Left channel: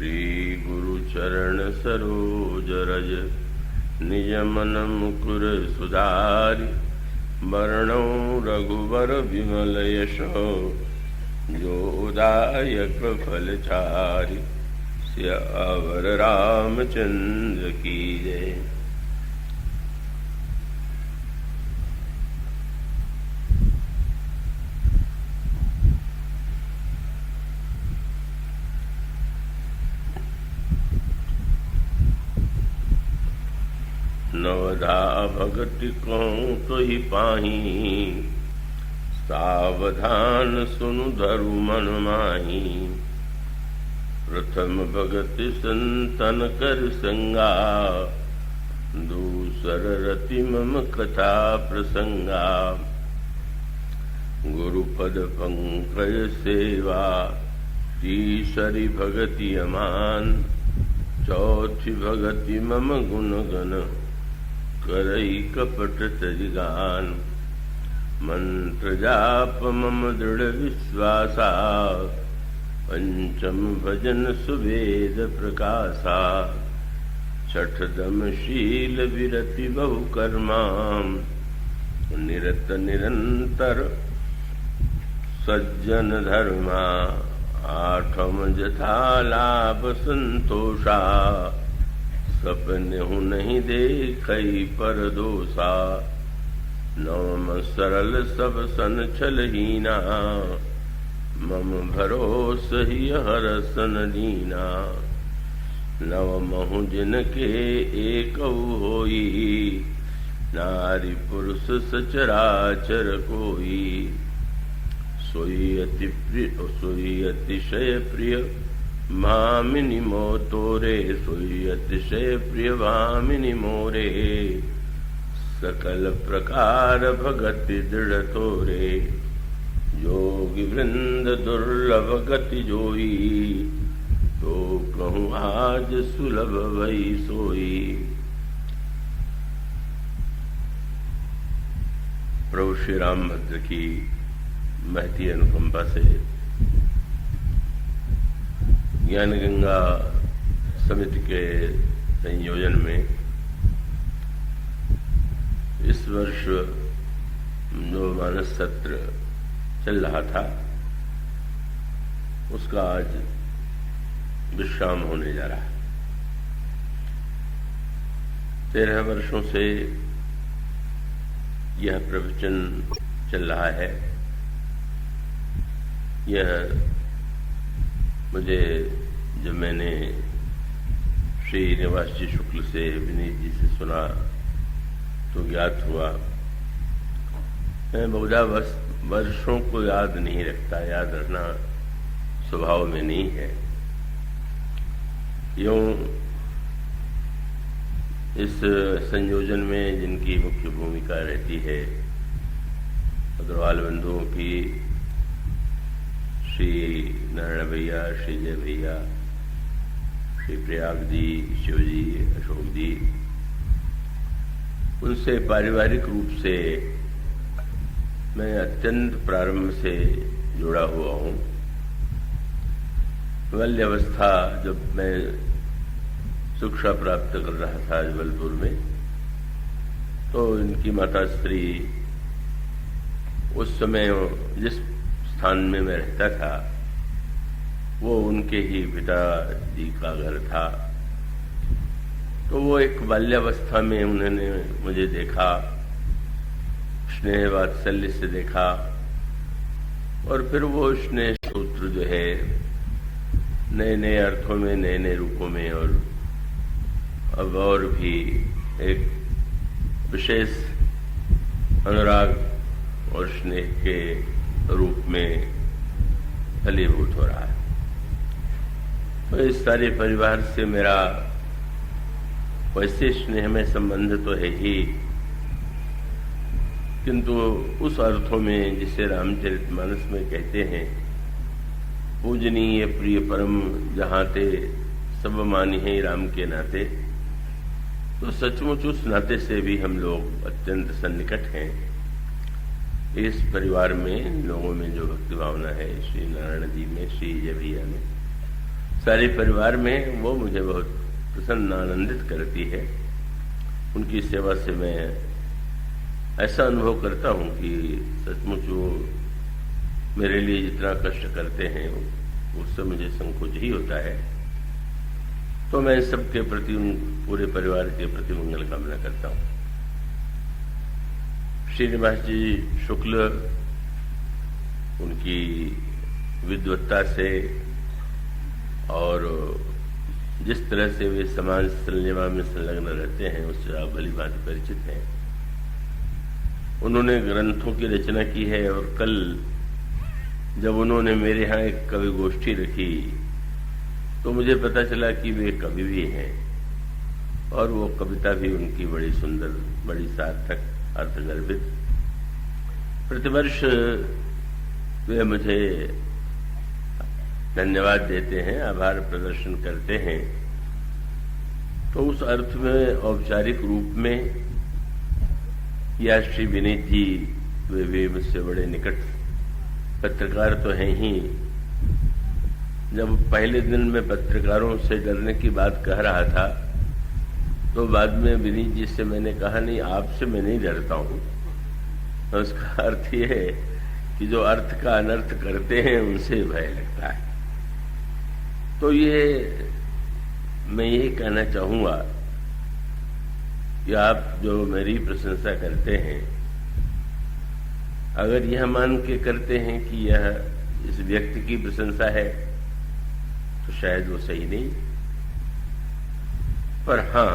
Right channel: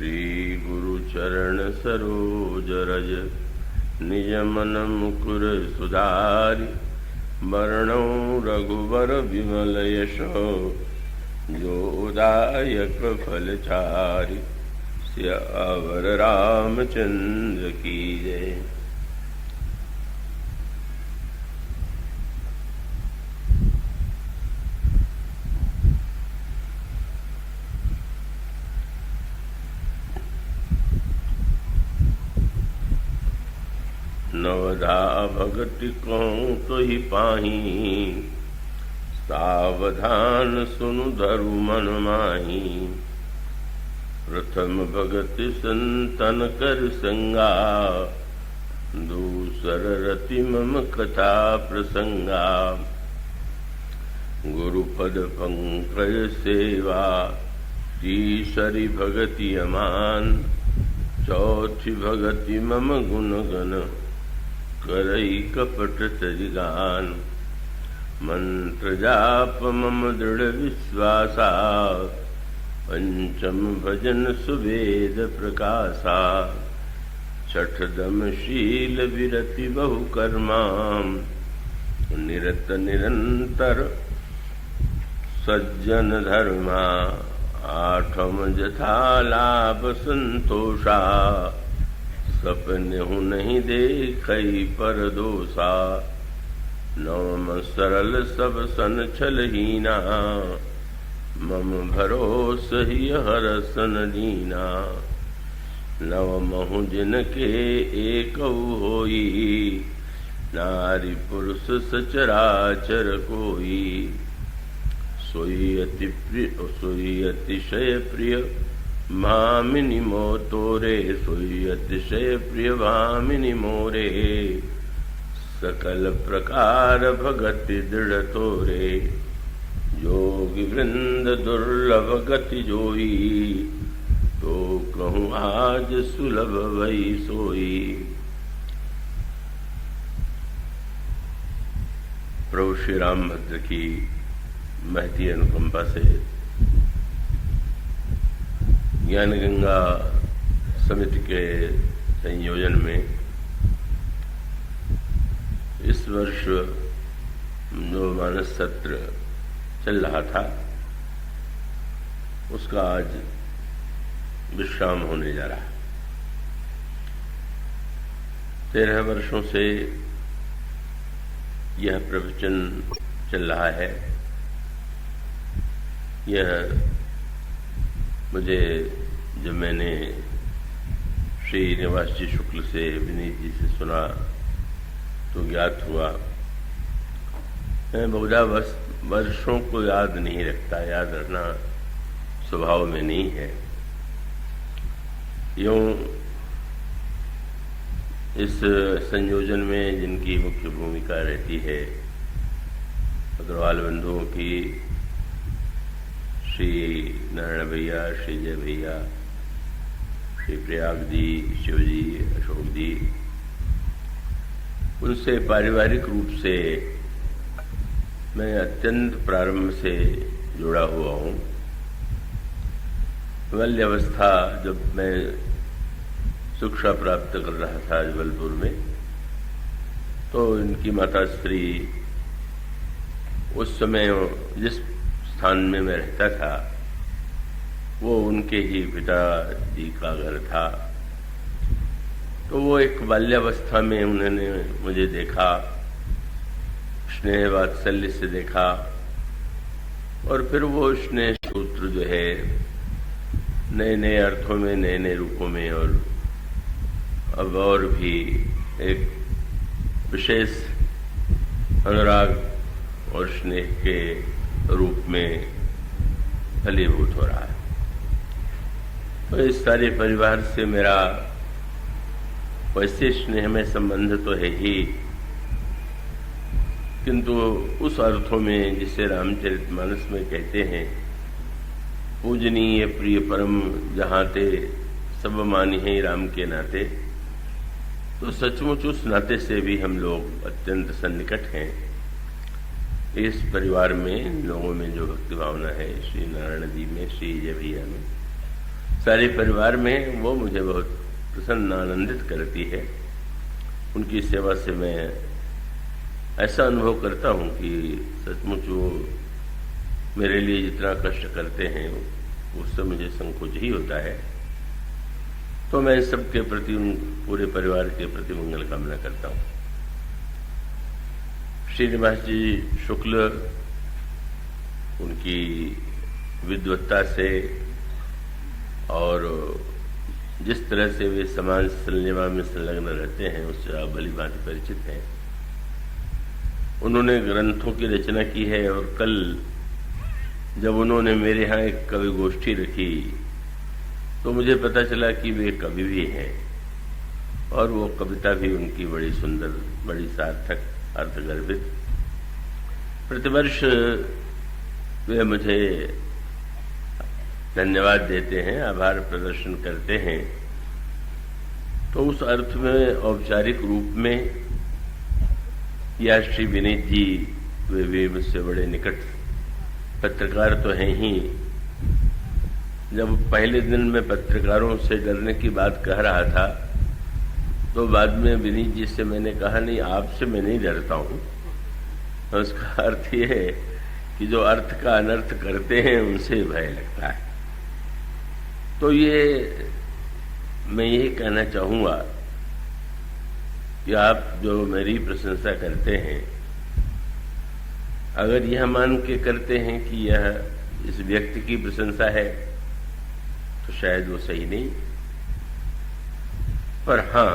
श्री गुरु चरण सरोज रज निज मन मुकुर सुधारि वर्णौ रघुवर विमल यशो जोदायक फलचारि सियावर रामचंद्र की जय। नवधा भगति को तो ही पाही सावधान सुनु धरु मन माही। प्रथम भगति संतन कर संगा दूसर रति मम कथा प्रसंगा। गुरुपद पंकज सेवा तीसरी भगति अमान। चौथी भगति मम गुण गण करई कपट तजगान। मंत्र जाप मम दृढ़ विश्वासा पंचम भजन सुवेद प्रकाशा। छठ दम शील विरति बहु कर्मा निरत निरंतर सज्जन धर्मा। आठम जथा लाभ संतोषा सपने हूँ नहीं देखई पर दोषा। नवम सरल सब सन छलहीना मम भरोस ही हर सन दीना। नवमहु जिनके एक होई नारी पुरुष सचराचर कोई। सोई अतिशय प्रिय भामिनी मोतोरे। सोई अतिशय प्रिय भामिनी मोरे। सकल प्रकार भगति दृढ़ तोरे। योगी वृंद दुर्लभ गति जोई तो कहूँ आज सुलभ वही सोई। प्रभु श्री रामभद्र की महती अनुकंपा से ज्ञान गंगा समिति के संयोजन में इस वर्ष जो मानस सत्र चल रहा था उसका आज विश्राम होने जा रहा है। 13 वर्षों से यह प्रवचन चल रहा है। यह मुझे जब मैंने श्री निवास जी शुक्ल से विनीत जी से सुना तो ज्ञात हुआ। मैं बहुधा वर्षों को याद नहीं रखता, याद रखना स्वभाव में नहीं है। यूं इस संयोजन में जिनकी मुख्य भूमिका रहती है अग्रवाल बंधुओं की, श्री नारायण भैया, श्री जय भैया, श्री प्रयाग जी, शिव जी, अशोक जी, उनसे पारिवारिक रूप से मैं अत्यंत प्रारंभ से जुड़ा हुआ हूँ। बाल्यावस्था जब मैं शिक्षा प्राप्त कर रहा था जबलपुर में तो इनकी माता श्री उस समय जिस स्थान में मैं रहता था वो उनके ही पिता जी का घर था। तो वो एक बाल्यावस्था में उन्होंने मुझे देखा, स्नेह वात्सल्य से देखा और फिर वो स्नेह सूत्र जो है नए नए अर्थों में, नए नए रूपों में और अब और भी एक विशेष अनुराग और स्नेह के रूप में फलीभूत हो रहा है। तो इस सारे परिवार से मेरा वैसे स्नेह में संबंध तो है ही, किंतु उस अर्थों में जिसे रामचरितमानस में कहते हैं पूजनीय प्रिय परम जहाँ ते सब मानी है राम के नाते, तो सचमुच उस नाते से भी हम लोग अत्यंत सन्निकट हैं। इस परिवार में इन लोगों में जो भक्ति भावना है, श्री नारायण जी में, श्री जय भैया में, सारे परिवार में वो मुझे बहुत प्रसन्न आनंदित करती है। उनकी सेवा से मैं ऐसा अनुभव करता हूं कि सचमुच वो मेरे लिए जितना कष्ट करते हैं उससे मुझे संकोच ही होता है। तो मैं सबके प्रति, पूरे परिवार के प्रति मंगल कामना करता हूं। श्रीनिवास जी शुक्ल उनकी विद्वत्ता से और जिस तरह से वे समाज सेवा में संलग्न रहते हैं उससे आप भली भांति परिचित हैं। उन्होंने ग्रंथों की रचना की है और कल जब उन्होंने मेरे यहाँ एक कवि गोष्ठी रखी तो मुझे पता चला कि वे कवि भी हैं और वो कविता भी उनकी बड़ी सुंदर, बड़ी सार्थक, अर्थगर्भित। प्रतिवर्ष वे मुझे धन्यवाद देते हैं, आभार प्रदर्शन करते हैं। तो उस अर्थ में औपचारिक रूप में या श्री विनीत जी वे भी मुझसे बड़े निकट पत्रकार तो हैं ही। जब पहले दिन में पत्रकारों से डरने की बात कह रहा था तो बाद में विनीत जी से मैंने कहा, नहीं आपसे मैं नहीं डरता हूं। तो उसका अर्थ ये है कि जो अर्थ का अनर्थ करते हैं उनसे भय लगता है। तो ये मैं यही कहना चाहूंगा कि आप जो मेरी प्रशंसा करते हैं, अगर यह मान के करते हैं कि यह इस व्यक्ति की प्रशंसा है तो शायद वो सही नहीं। पर हाँ,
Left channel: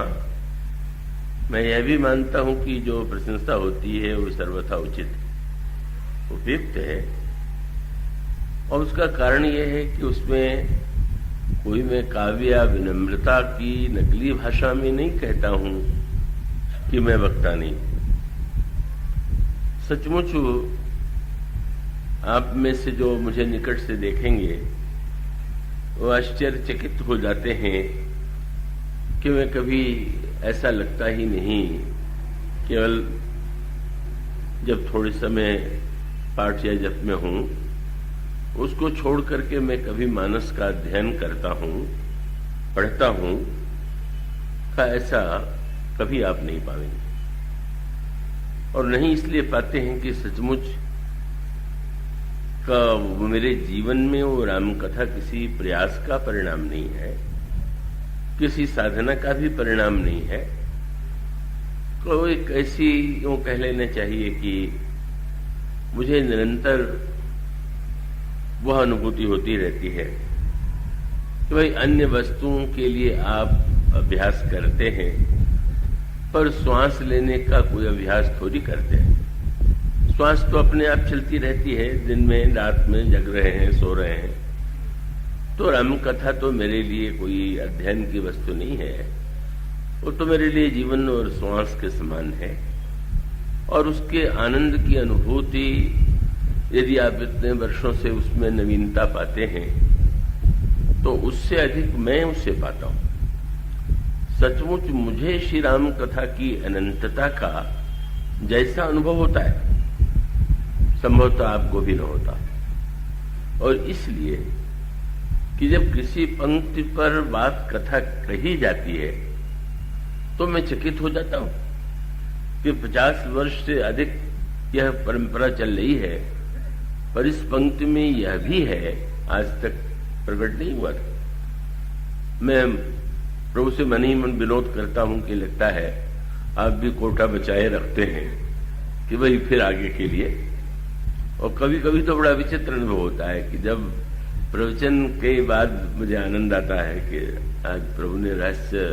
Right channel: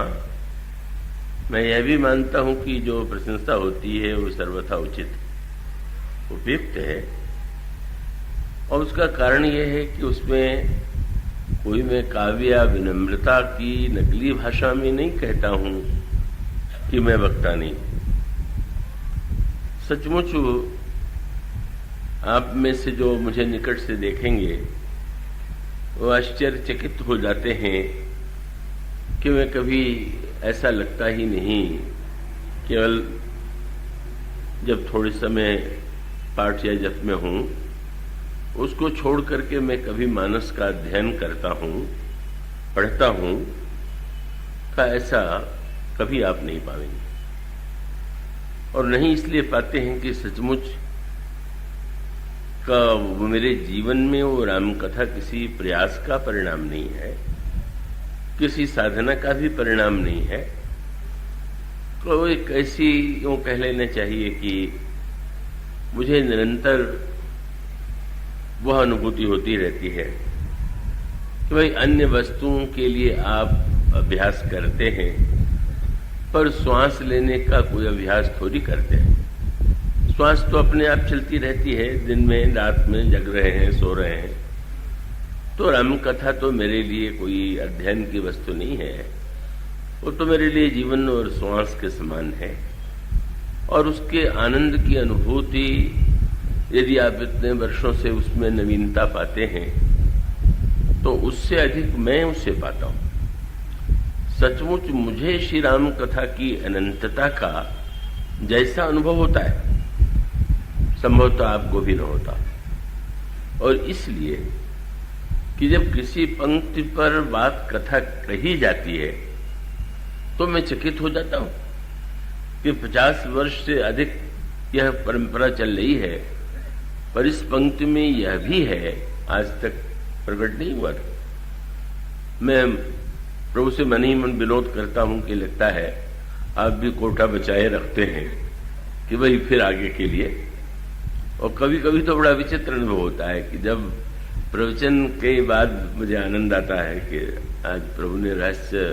मैं यह भी मानता हूं कि जो प्रशंसा होती है वो सर्वथा उचित, उपयुक्त है। और उसका कारण यह है कि उसमें कोई मैं काव्य या विनम्रता की नकली भाषा में नहीं कहता हूं कि मैं वक्ता नहीं। सचमुच आप में से जो मुझे निकट से देखेंगे वो आश्चर्यचकित हो जाते हैं कि मैं कभी ऐसा लगता ही नहीं, केवल जब थोड़े समय पाठ या जप में हूं उसको छोड़ करके मैं कभी मानस का अध्ययन करता हूं, पढ़ता हूं, का ऐसा कभी आप नहीं पाएंगे। और नहीं इसलिए पाते हैं कि सचमुच का मेरे जीवन में वो राम कथा किसी प्रयास का परिणाम नहीं है, किसी साधना का भी परिणाम नहीं है। तो एक ऐसी वो कह लेना चाहिए कि मुझे निरंतर वह अनुभूति होती रहती है कि भाई अन्य वस्तुओं के लिए आप अभ्यास करते हैं पर श्वास लेने का कोई अभ्यास थोड़ी करते हैं। श्वास तो अपने आप चलती रहती है, दिन में रात में जग रहे हैं, सो रहे हैं। तो राम कथा तो मेरे लिए कोई अध्ययन की वस्तु नहीं है, वो तो मेरे लिए जीवन और श्वास के समान है। और उसके आनंद की अनुभूति यदि आप इतने वर्षों से उसमें नवीनता पाते हैं तो उससे अधिक मैं उसे पाता हूं। सचमुच मुझे श्री राम कथा की अनंतता का जैसा अनुभव होता है संभवतः आपको भी न होता। और इसलिए कि जब किसी पंक्ति पर बात कथा कही जाती है तो मैं चकित हो जाता हूं कि 50 वर्ष से अधिक यह परंपरा चल रही है, पर इस पंक्ति में यह भी है आज तक प्रकट नहीं हुआ। मैं प्रभु से मन ही मन विनोद करता हूं कि लगता है आप भी कोटा बचाए रखते हैं कि वही फिर आगे के लिए। और कभी कभी तो बड़ा विचित्र अनुभव होता है कि जब प्रवचन के बाद मुझे आनंद आता है कि आज प्रभु ने रहस्य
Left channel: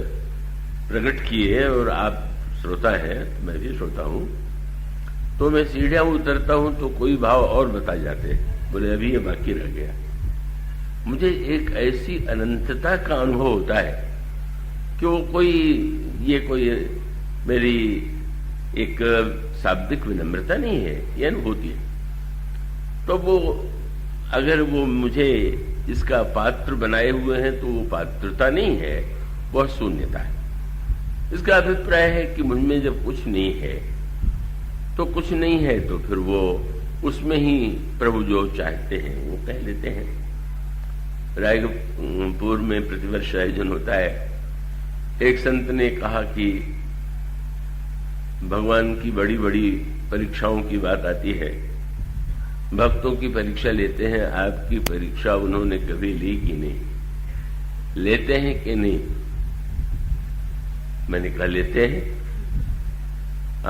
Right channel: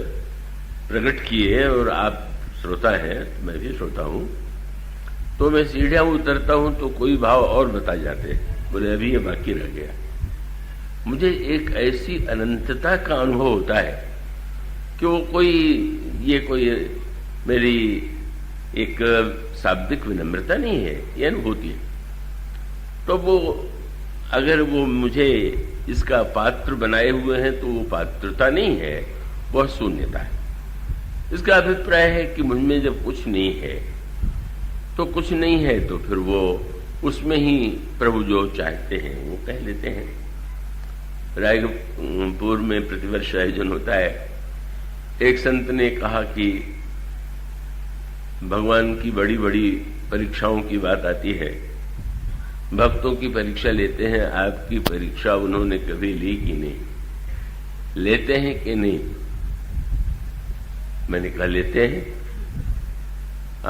प्रकट किए और आप श्रोता हैं, मैं भी श्रोता हूं। तो मैं सीढ़ियां उतरता हूं तो कोई भाव और बता जाते हैं, बोले अभी ये बाकी रह गया। मुझे एक ऐसी अनंतता का अनुभव होता है कि वो कोई मेरी एक शाब्दिक विनम्रता नहीं है, ये अनुभूति है। तो वो अगर वो मुझे इसका पात्र बनाए हुए हैं तो वो पात्रता नहीं है, वह शून्यता है। इसका अभिप्राय है कि मुझमें जब कुछ नहीं है तो कुछ नहीं है, तो फिर वो उसमें ही प्रभु जो चाहते हैं वो कह लेते हैं। रायपुर में प्रतिवर्ष आयोजन होता है। एक संत ने कहा कि भगवान की बड़ी बड़ी परीक्षाओं की बात आती है, भक्तों की परीक्षा लेते हैं, आपकी परीक्षा उन्होंने कभी ली कि नहीं, लेते हैं कि नहीं? मैंने कहा लेते हैं।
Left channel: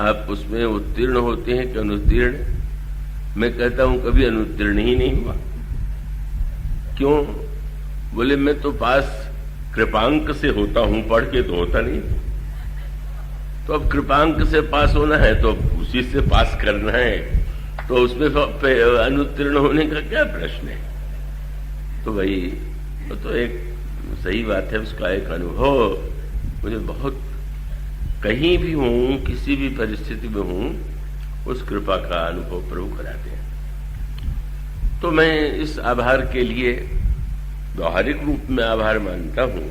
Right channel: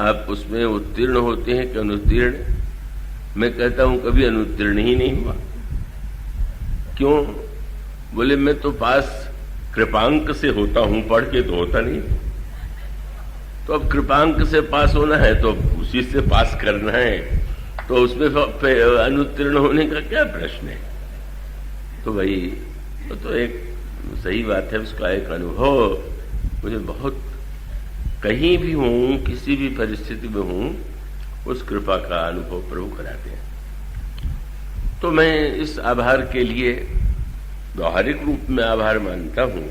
आप उसमें उत्तीर्ण होते हैं कि अनुत्तीर्ण? मैं कहता हूं कभी अनुत्तीर्ण ही नहीं हुआ। क्यों? बोले मैं तो पास कृपांक से होता हूं, पढ़ के तो होता नहीं। तो अब कृपांक से पास होना है तो उसी से पास करना है, तो उसमें अनुत्तीर्ण होने का क्या प्रश्न है? तो भाई वो तो एक सही बात है, उसका एक अनुभव मुझे बहुत, कहीं भी हूं, किसी भी परिस्थिति में हूं, उस कृपा का अनुभव प्रभु कराते हैं। तो मैं इस आभार के लिए व्यवहारिक रूप में आभार मानता हूं,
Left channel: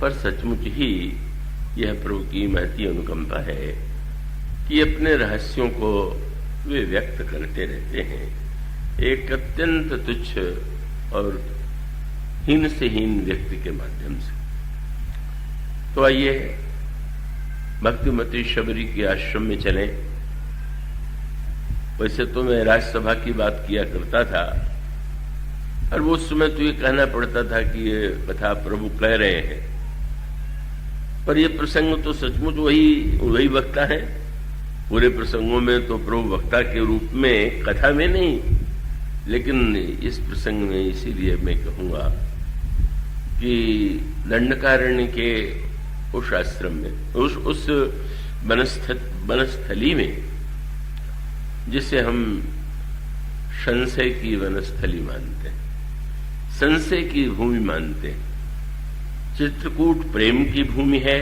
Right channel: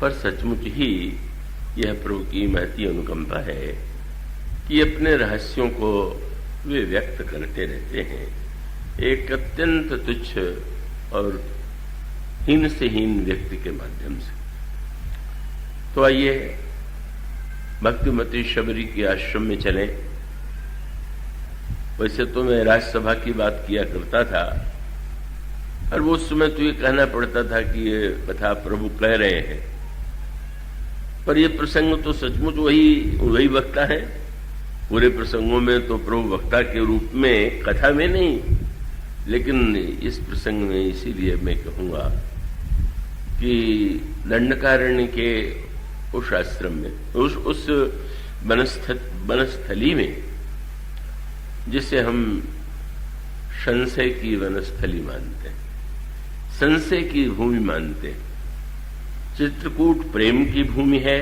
पर सचमुच ही यह प्रभु की महती अनुकंपा है कि अपने रहस्यों को वे व्यक्त करते रहते हैं एक अत्यंत तुच्छ और हीन से हीन व्यक्ति के माध्यम से। तो आइए भक्तिमती शबरी के आश्रम में चले। वैसे तो मैं राज्यसभा की बात किया करता था, और वो उस समय तो ये कहना पड़ता था कि ये कथा प्रभु कह रहे हैं, पर ये प्रसंग तो सचमुच वही वक्ता है। पूरे प्रसंगों में तो प्रभु वक्ता के रूप में, कथा में नहीं, लेकिन इस प्रसंग में इसीलिए मैं कहूंगा कि दंडकारण्य के उस आश्रम में, उस वनस्थली में, जिसे हम संशय की वनस्थली मानते हैं, संशय की भूमि मानते हैं। चित्रकूट प्रेम की भूमि है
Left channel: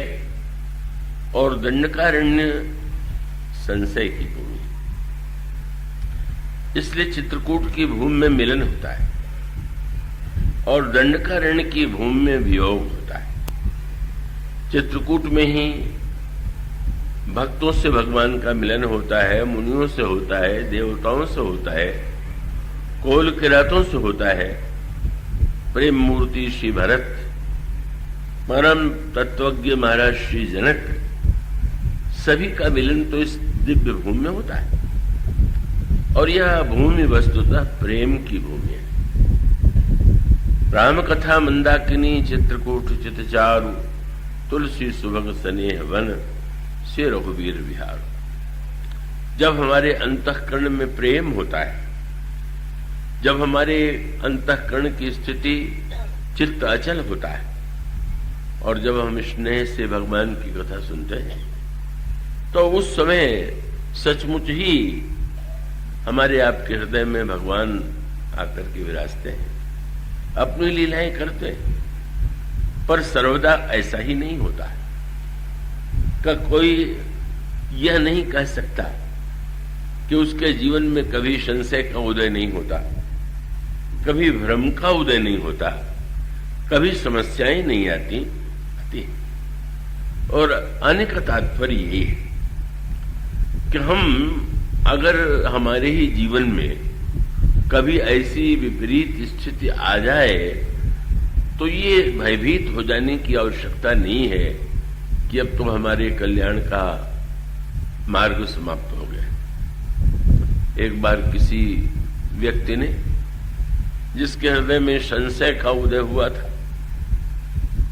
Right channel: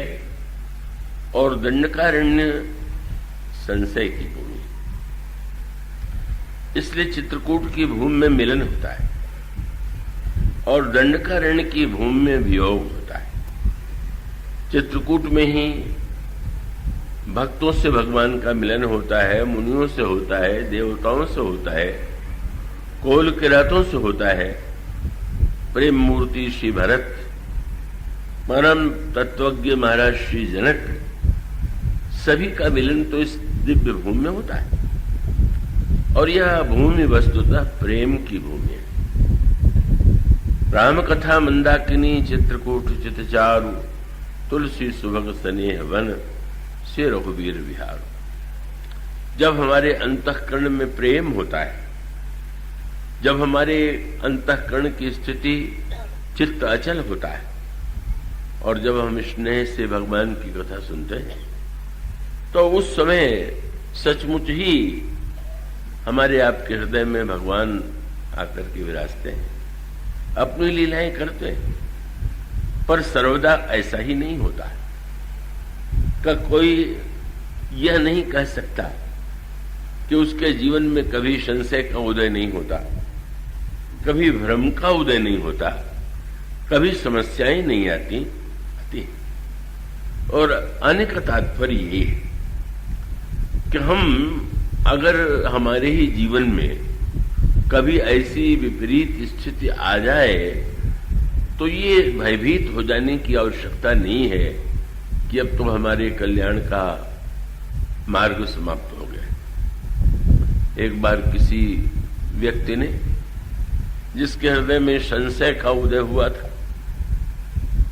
और दंडकारण्य संशय की भूमि। इसलिए चित्रकूट की भूमि में मिलन होता है और दंडकारण्य की भूमि में वियोग होता है। चित्रकूट में ही भक्तों से भगवान का मिलन होता है, मुनियों से होता है, देवताओं से होता है, कोल किरातों से होता है। प्रेम मूर्ति श्री भरत, परम तत्वज्ञ महाराज श्री जनक, सभी का मिलन तो इस दिव्य भूमि में होता है। और यह भूमि वस्तुतः प्रेम की भूमि है। राम कथा मंदाकिनी चित्रकूट चितचारु, तुलसी सुभग स्नेह वन से रघुवीर विहार। जब हमारे अंतःकरण में प्रेम होता है, जब हमारे अंतःकरण की स्थिति चित्त अचल होता है, और जब हम स्नेह से भगवान की कथा सुनते हैं, तो उस समय सचमुच ही हमारे आपके हृदय में भगवान आकर के विराजते हैं, अपनी लीलाएं करते हैं। पर सर्वदा ऐसा ही नहीं होता है कि कोई यह नहीं कह सकता कि उसके जीवन में कभी संशय का उदय नहीं होता, कभी भ्रम का उदय नहीं होता, कभी समस्याएं नहीं आती। और आने का तात्पर्य ये है कि हम अगर हमारे ही जीवन में कभी ऐसी विपरीत स्थिति आ जाए, तो ये भयभीत हो जाने की आवश्यकता नहीं है कि अब तो हमारे कल्याण का मार्ग समाप्त हो गया। एक बार किसी व्यक्ति ने, जिसके हृदय में संशय का उदय हुआ था,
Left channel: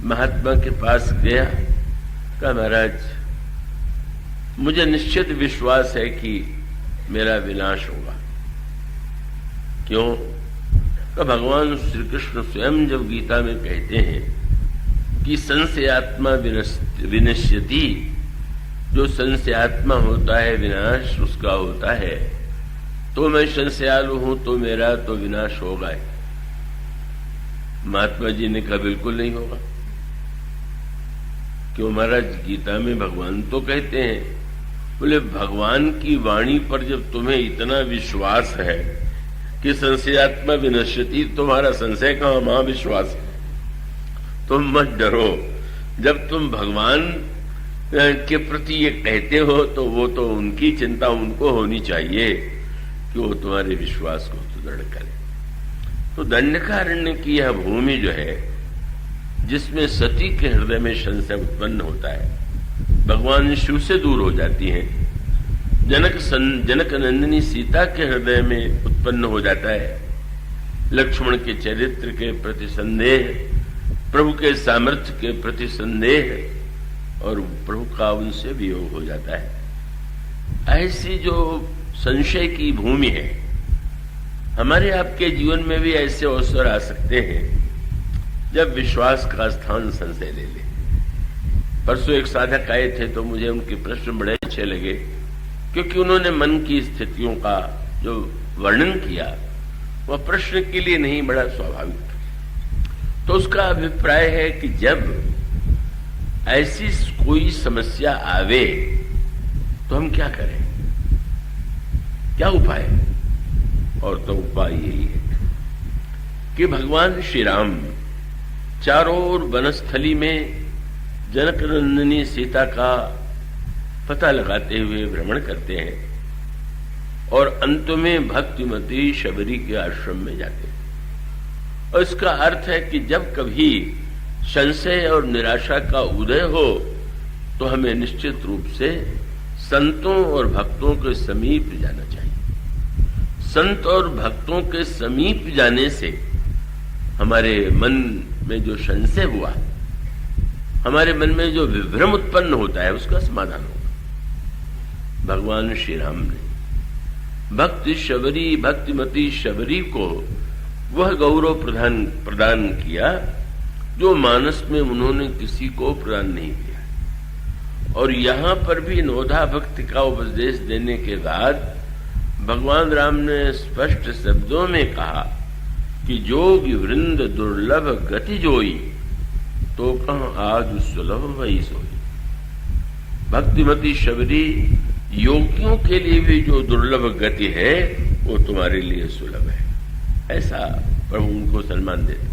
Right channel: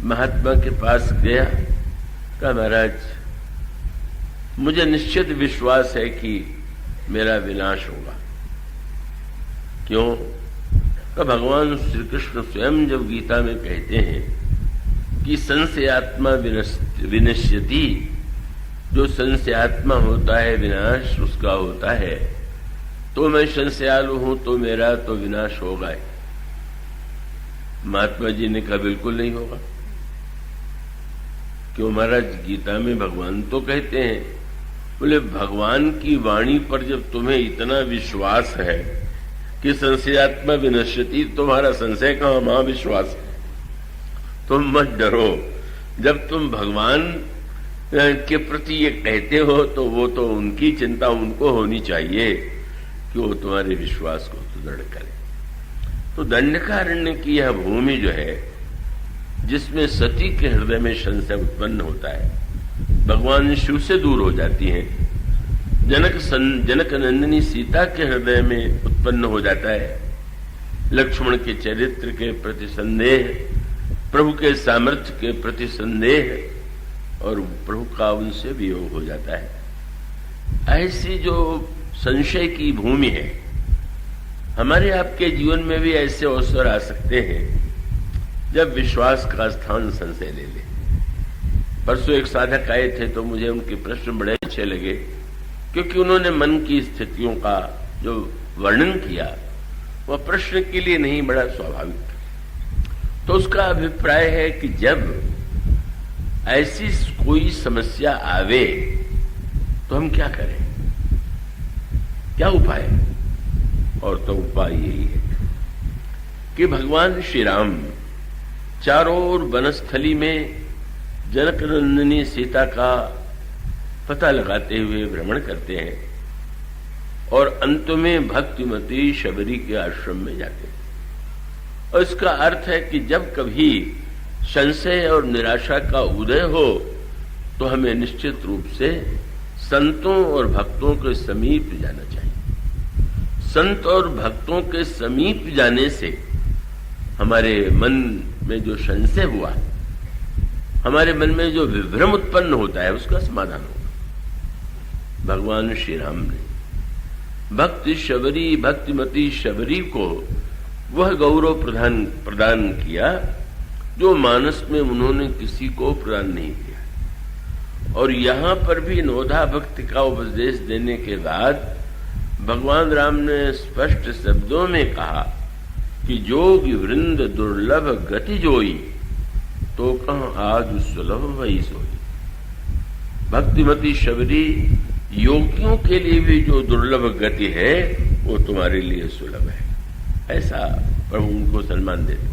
महात्मा के पास गया, कहा महाराज मुझे निश्चित विश्वास है कि मेरा विनाश होगा। क्यों? तो भगवान श्री कृष्ण स्वयं जब गीता में कहते हैं कि संशयात्मा विनश्यति, जो संशयात्मा होता है विनाश उसका होता है, तो मैं संशयालु हूं तो मेरा तो विनाश होगा ही। महात्मा जी ने कहा बिल्कुल नहीं होगा। क्यों महाराज? गीता में भगवान तो कहते हैं। बोले भगवान की वाणी पर जब तुम्हें इतना विश्वास है कि संशयात्मा विनश्यति, तुम्हारा संशय कहां, महाविश्वास है। तुम मत डरो। जब तुम भगवान के प्रति ये कहते हो तो वो तो उनकी चिंता उनको होनी चाहिए कि वो तुम्हारे विश्वास को सुदृढ़ करे। तो दंडकारण्य की यह भूमि जो है, जिसमें सती के हृदय में संशय उत्पन्न होता है, भगवान शिव से दूर हो जाती है, जनक नंदिनी सीता के हृदय में उत्पन्न हो जाता है, लक्ष्मण के चरित्र के प्रति संदेह, प्रभु के सामर्थ्य के प्रति संदेह और प्रभु का उनसे वियोग हो जाता है। ऐसी जो संशय की भूमि है, हमारे आपके जीवन में भी ऐसे अवसर आ सकते हैं जब विश्वास का स्थान संशय ले ले। परसों एक साधक आए थे तो मुझे उनके प्रश्न बड़े अच्छे लगे, क्योंकि उन्होंने मन की स्थितियों का जो वर्णन किया वह प्रश्न के लिए नहीं, बड़ा स्वाभाविक। तो उसका अभिप्राय है कि जब ऐसी कोई समस्या आवे तो हम क्या करें, क्या उपाय? और तो उपाय यही है कि भगवान श्री राम चारों ओर वनस्थली में जनक नंदिनी सीता का पता लगाते हुए भ्रमण करते हैं और अंत में भक्तिमती शबरी के आश्रम में जाते हैं। और इसका अर्थ है कि जब कभी संशय और निराशा का उदय हो तो हमें निश्चित रूप से संतों और भक्तों के समीप जाना चाहिए। संत और भक्तों के समीप जाने से हमारे मन में जो संशय हुआ, हमारे मन में जो विभ्रम उत्पन्न होता है, उसका समाधान होगा। भगवान श्री राम ने भक्ति शबरी, भक्तिमती शबरी को वह गौरव प्रदान किया जो मानस में उन्होंने किसी को प्रदान नहीं किया। और यहां पर भी नवधा भक्ति का उपदेश देने के बाद भगवान राम ने स्पष्ट शब्दों में कहा कि जोगी वृंद दुर्लभ गति जोई, तो कह आज सुलभ वही सोई। भक्तिमती शबरी, योगियों के लिए भी जो दुर्लभ गति है वो तुम्हारे लिए सुलभ है, ऐसा प्रभु उनको सम्मान देते।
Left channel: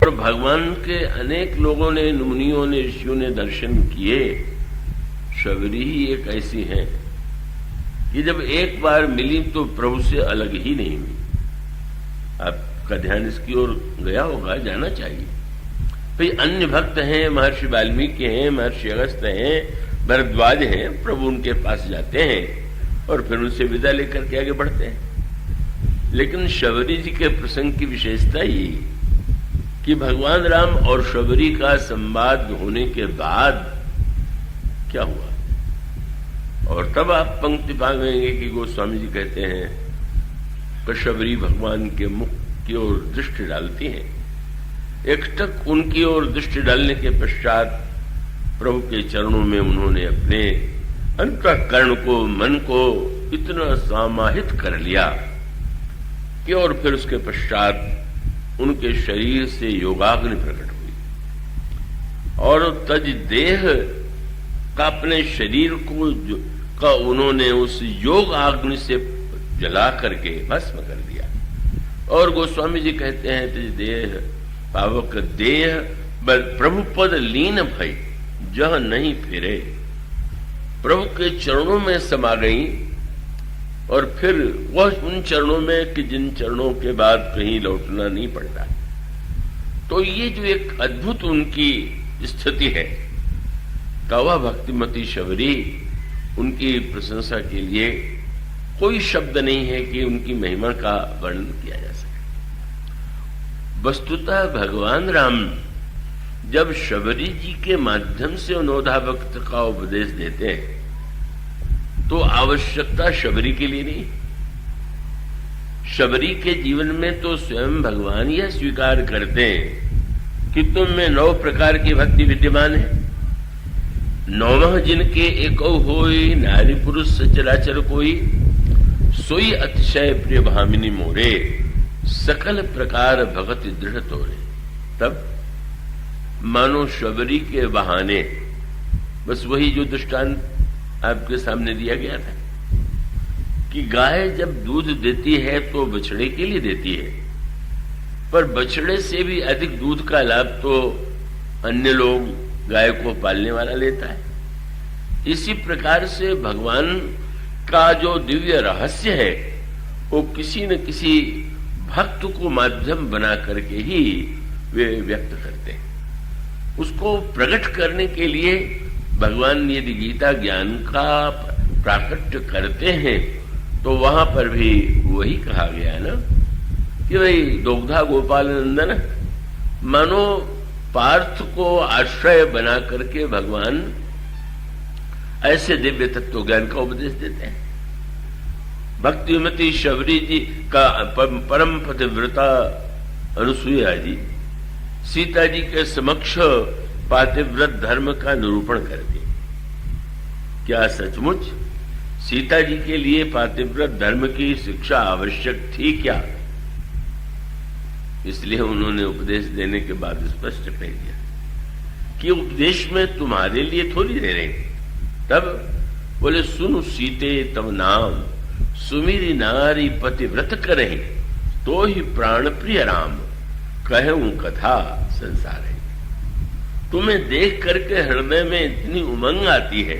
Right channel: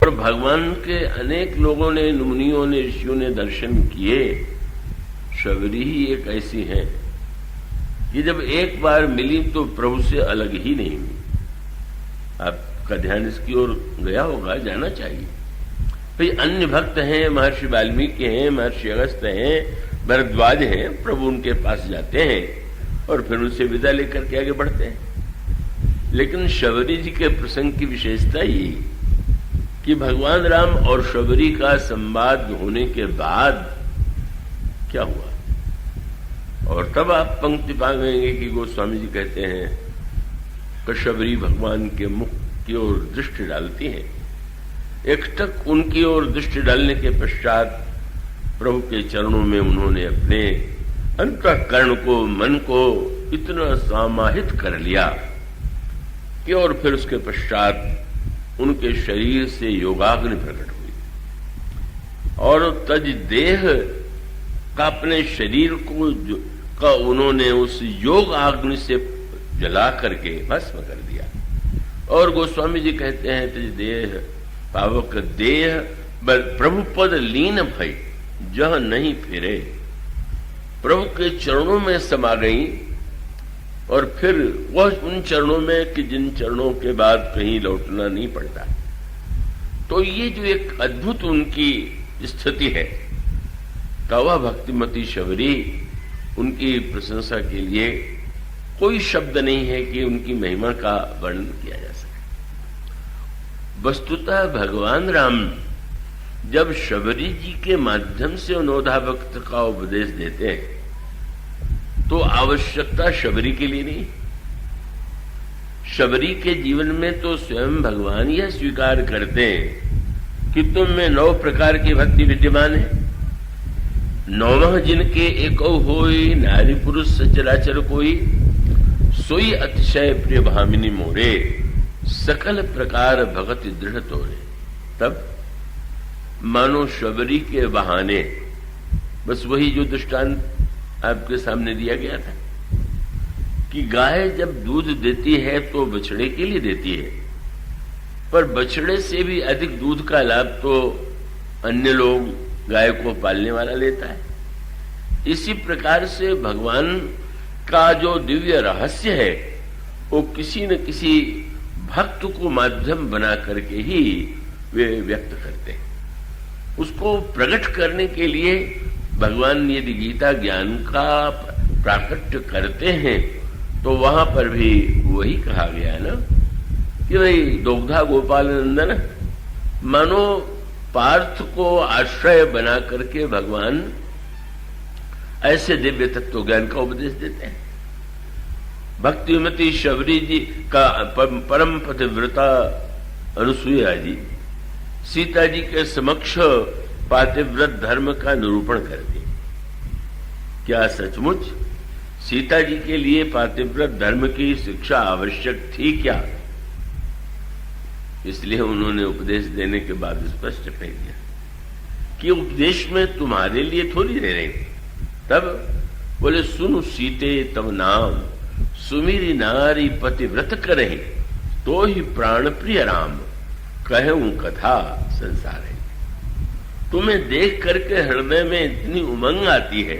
और भगवान के अनेक लोगों ने, मुनियों ने, ऋषियों ने दर्शन किए। शबरी ही एक ऐसी है कि जब एक बार मिली तो प्रभु से अलग ही नहीं हुई। आपका ध्यान इसकी ओर गया होगा, जाना चाहिए। भाई अन्य भक्त हैं, महर्षि वाल्मीकि हैं, महर्षि अगस्त्य हैं, भरद्वाज हैं, प्रभु उनके पास जाते हैं और फिर उनसे विदा लेकर के आगे बढ़ते हैं। लेकिन शबरी जी के प्रसंग की विशेषता ही कि भगवान राम और शबरी का संवाद होने के बाद क्या हुआ। और तब आप पंक्ति पाएंगे कि गोस्वामी जी कहते हैं कि शबरी भगवान के मुख की ओर दृष्टि डालती हैं। एकटक उनकी ओर दृष्टि डालने के पश्चात प्रभु के चरणों में उन्होंने अपने अंतःकरण को, मन को इतना समाहित कर लिया कि और फिर उसके पश्चात उनके शरीर से योगाग्नि प्रकट हुई और तज देह का अपने शरीर को का उन्होंने उस योग अग्नि से जला करके भस्म कर दिया। और गोस्वामी जी कहते हैं तज देह पावक देह प्रभु पद लीन भई जह नहीं फिरे। प्रभु के चरणों में समा गई और फिर वह उन चरणों में कि जिन चरणों के बाद कहीं लौटना नहीं पड़ता। तो ये जो एक अद्भुत उनकी स्थिति है, तवा भक्तिमती शबरी, उनकी प्रशंसा के लिए कोई शब्द नहीं है कि उनकी महिमा का वर्णन किया जा सके। वस्तुतः भगवान राम जब शबरी जी के माध्यम से नवधा भक्त का उपदेश देते हैं तो आवश्यकता शबरी के लिए नहीं, शबरी के जीवन में तो स्वयं भगवान यह स्वीकार करते हैं कि तुम में 9 प्रकार की भक्ति विद्यमान है। 9 जिनके एको होई, नारी पुरुष सचराचर कोई, सोई अतिशय प्रिय भामिनी मोरे, सकल प्रकार भगति दृढ़ तोरे। तब मानो शबरी के बहाने बस वही जो दृष्टांत आपके सामने दिया गया था कि गाय जब दूध देती है तो बछड़े के लिए देती है, पर बछड़े से भी अधिक दूध का लाभ तो अन्य लोग गाय को पालने वाला लेता है। इसी प्रकार से भगवान का जो दिव्य रहस्य है वो किसी न किसी भक्त को माध्यम बना करके ही वे व्यक्त करते हैं। उसको प्रकट करने के लिए भगवान यदि गीता ज्ञान का प्राकट्य करते हैं तो वहां पर भी वही कहा गया है ना कि भाई दोग्धा गोपाल नंदन, मानो पार्थ को आश्रय बना करके भगवान ऐसे दिव्य तत्व ज्ञान का उपदेश देते हैं। भक्तिमती शबरी जी का परम पतिव्रता अनुसुईया जी सीता जी के समक्ष पातिव्रत धर्म का निरूपण करते हैं। क्या सचमुच सीता जी के लिए पातिव्रत धर्म की शिक्षा आवश्यक थी क्या? इसलिए उन्होंने उपदेश देने के बाद स्पष्ट कह दिया कि उपदेश में तुम्हारे लिए थोड़ी दे रहे हैं। तब बोले सुनु सीते तब नाम, सुमिरी नारी पतिव्रत करहि, तो ही प्राण प्रिय राम, कहूं कथा संसार है। तुम्हें देख करके हृदय में इतनी उमंग आती है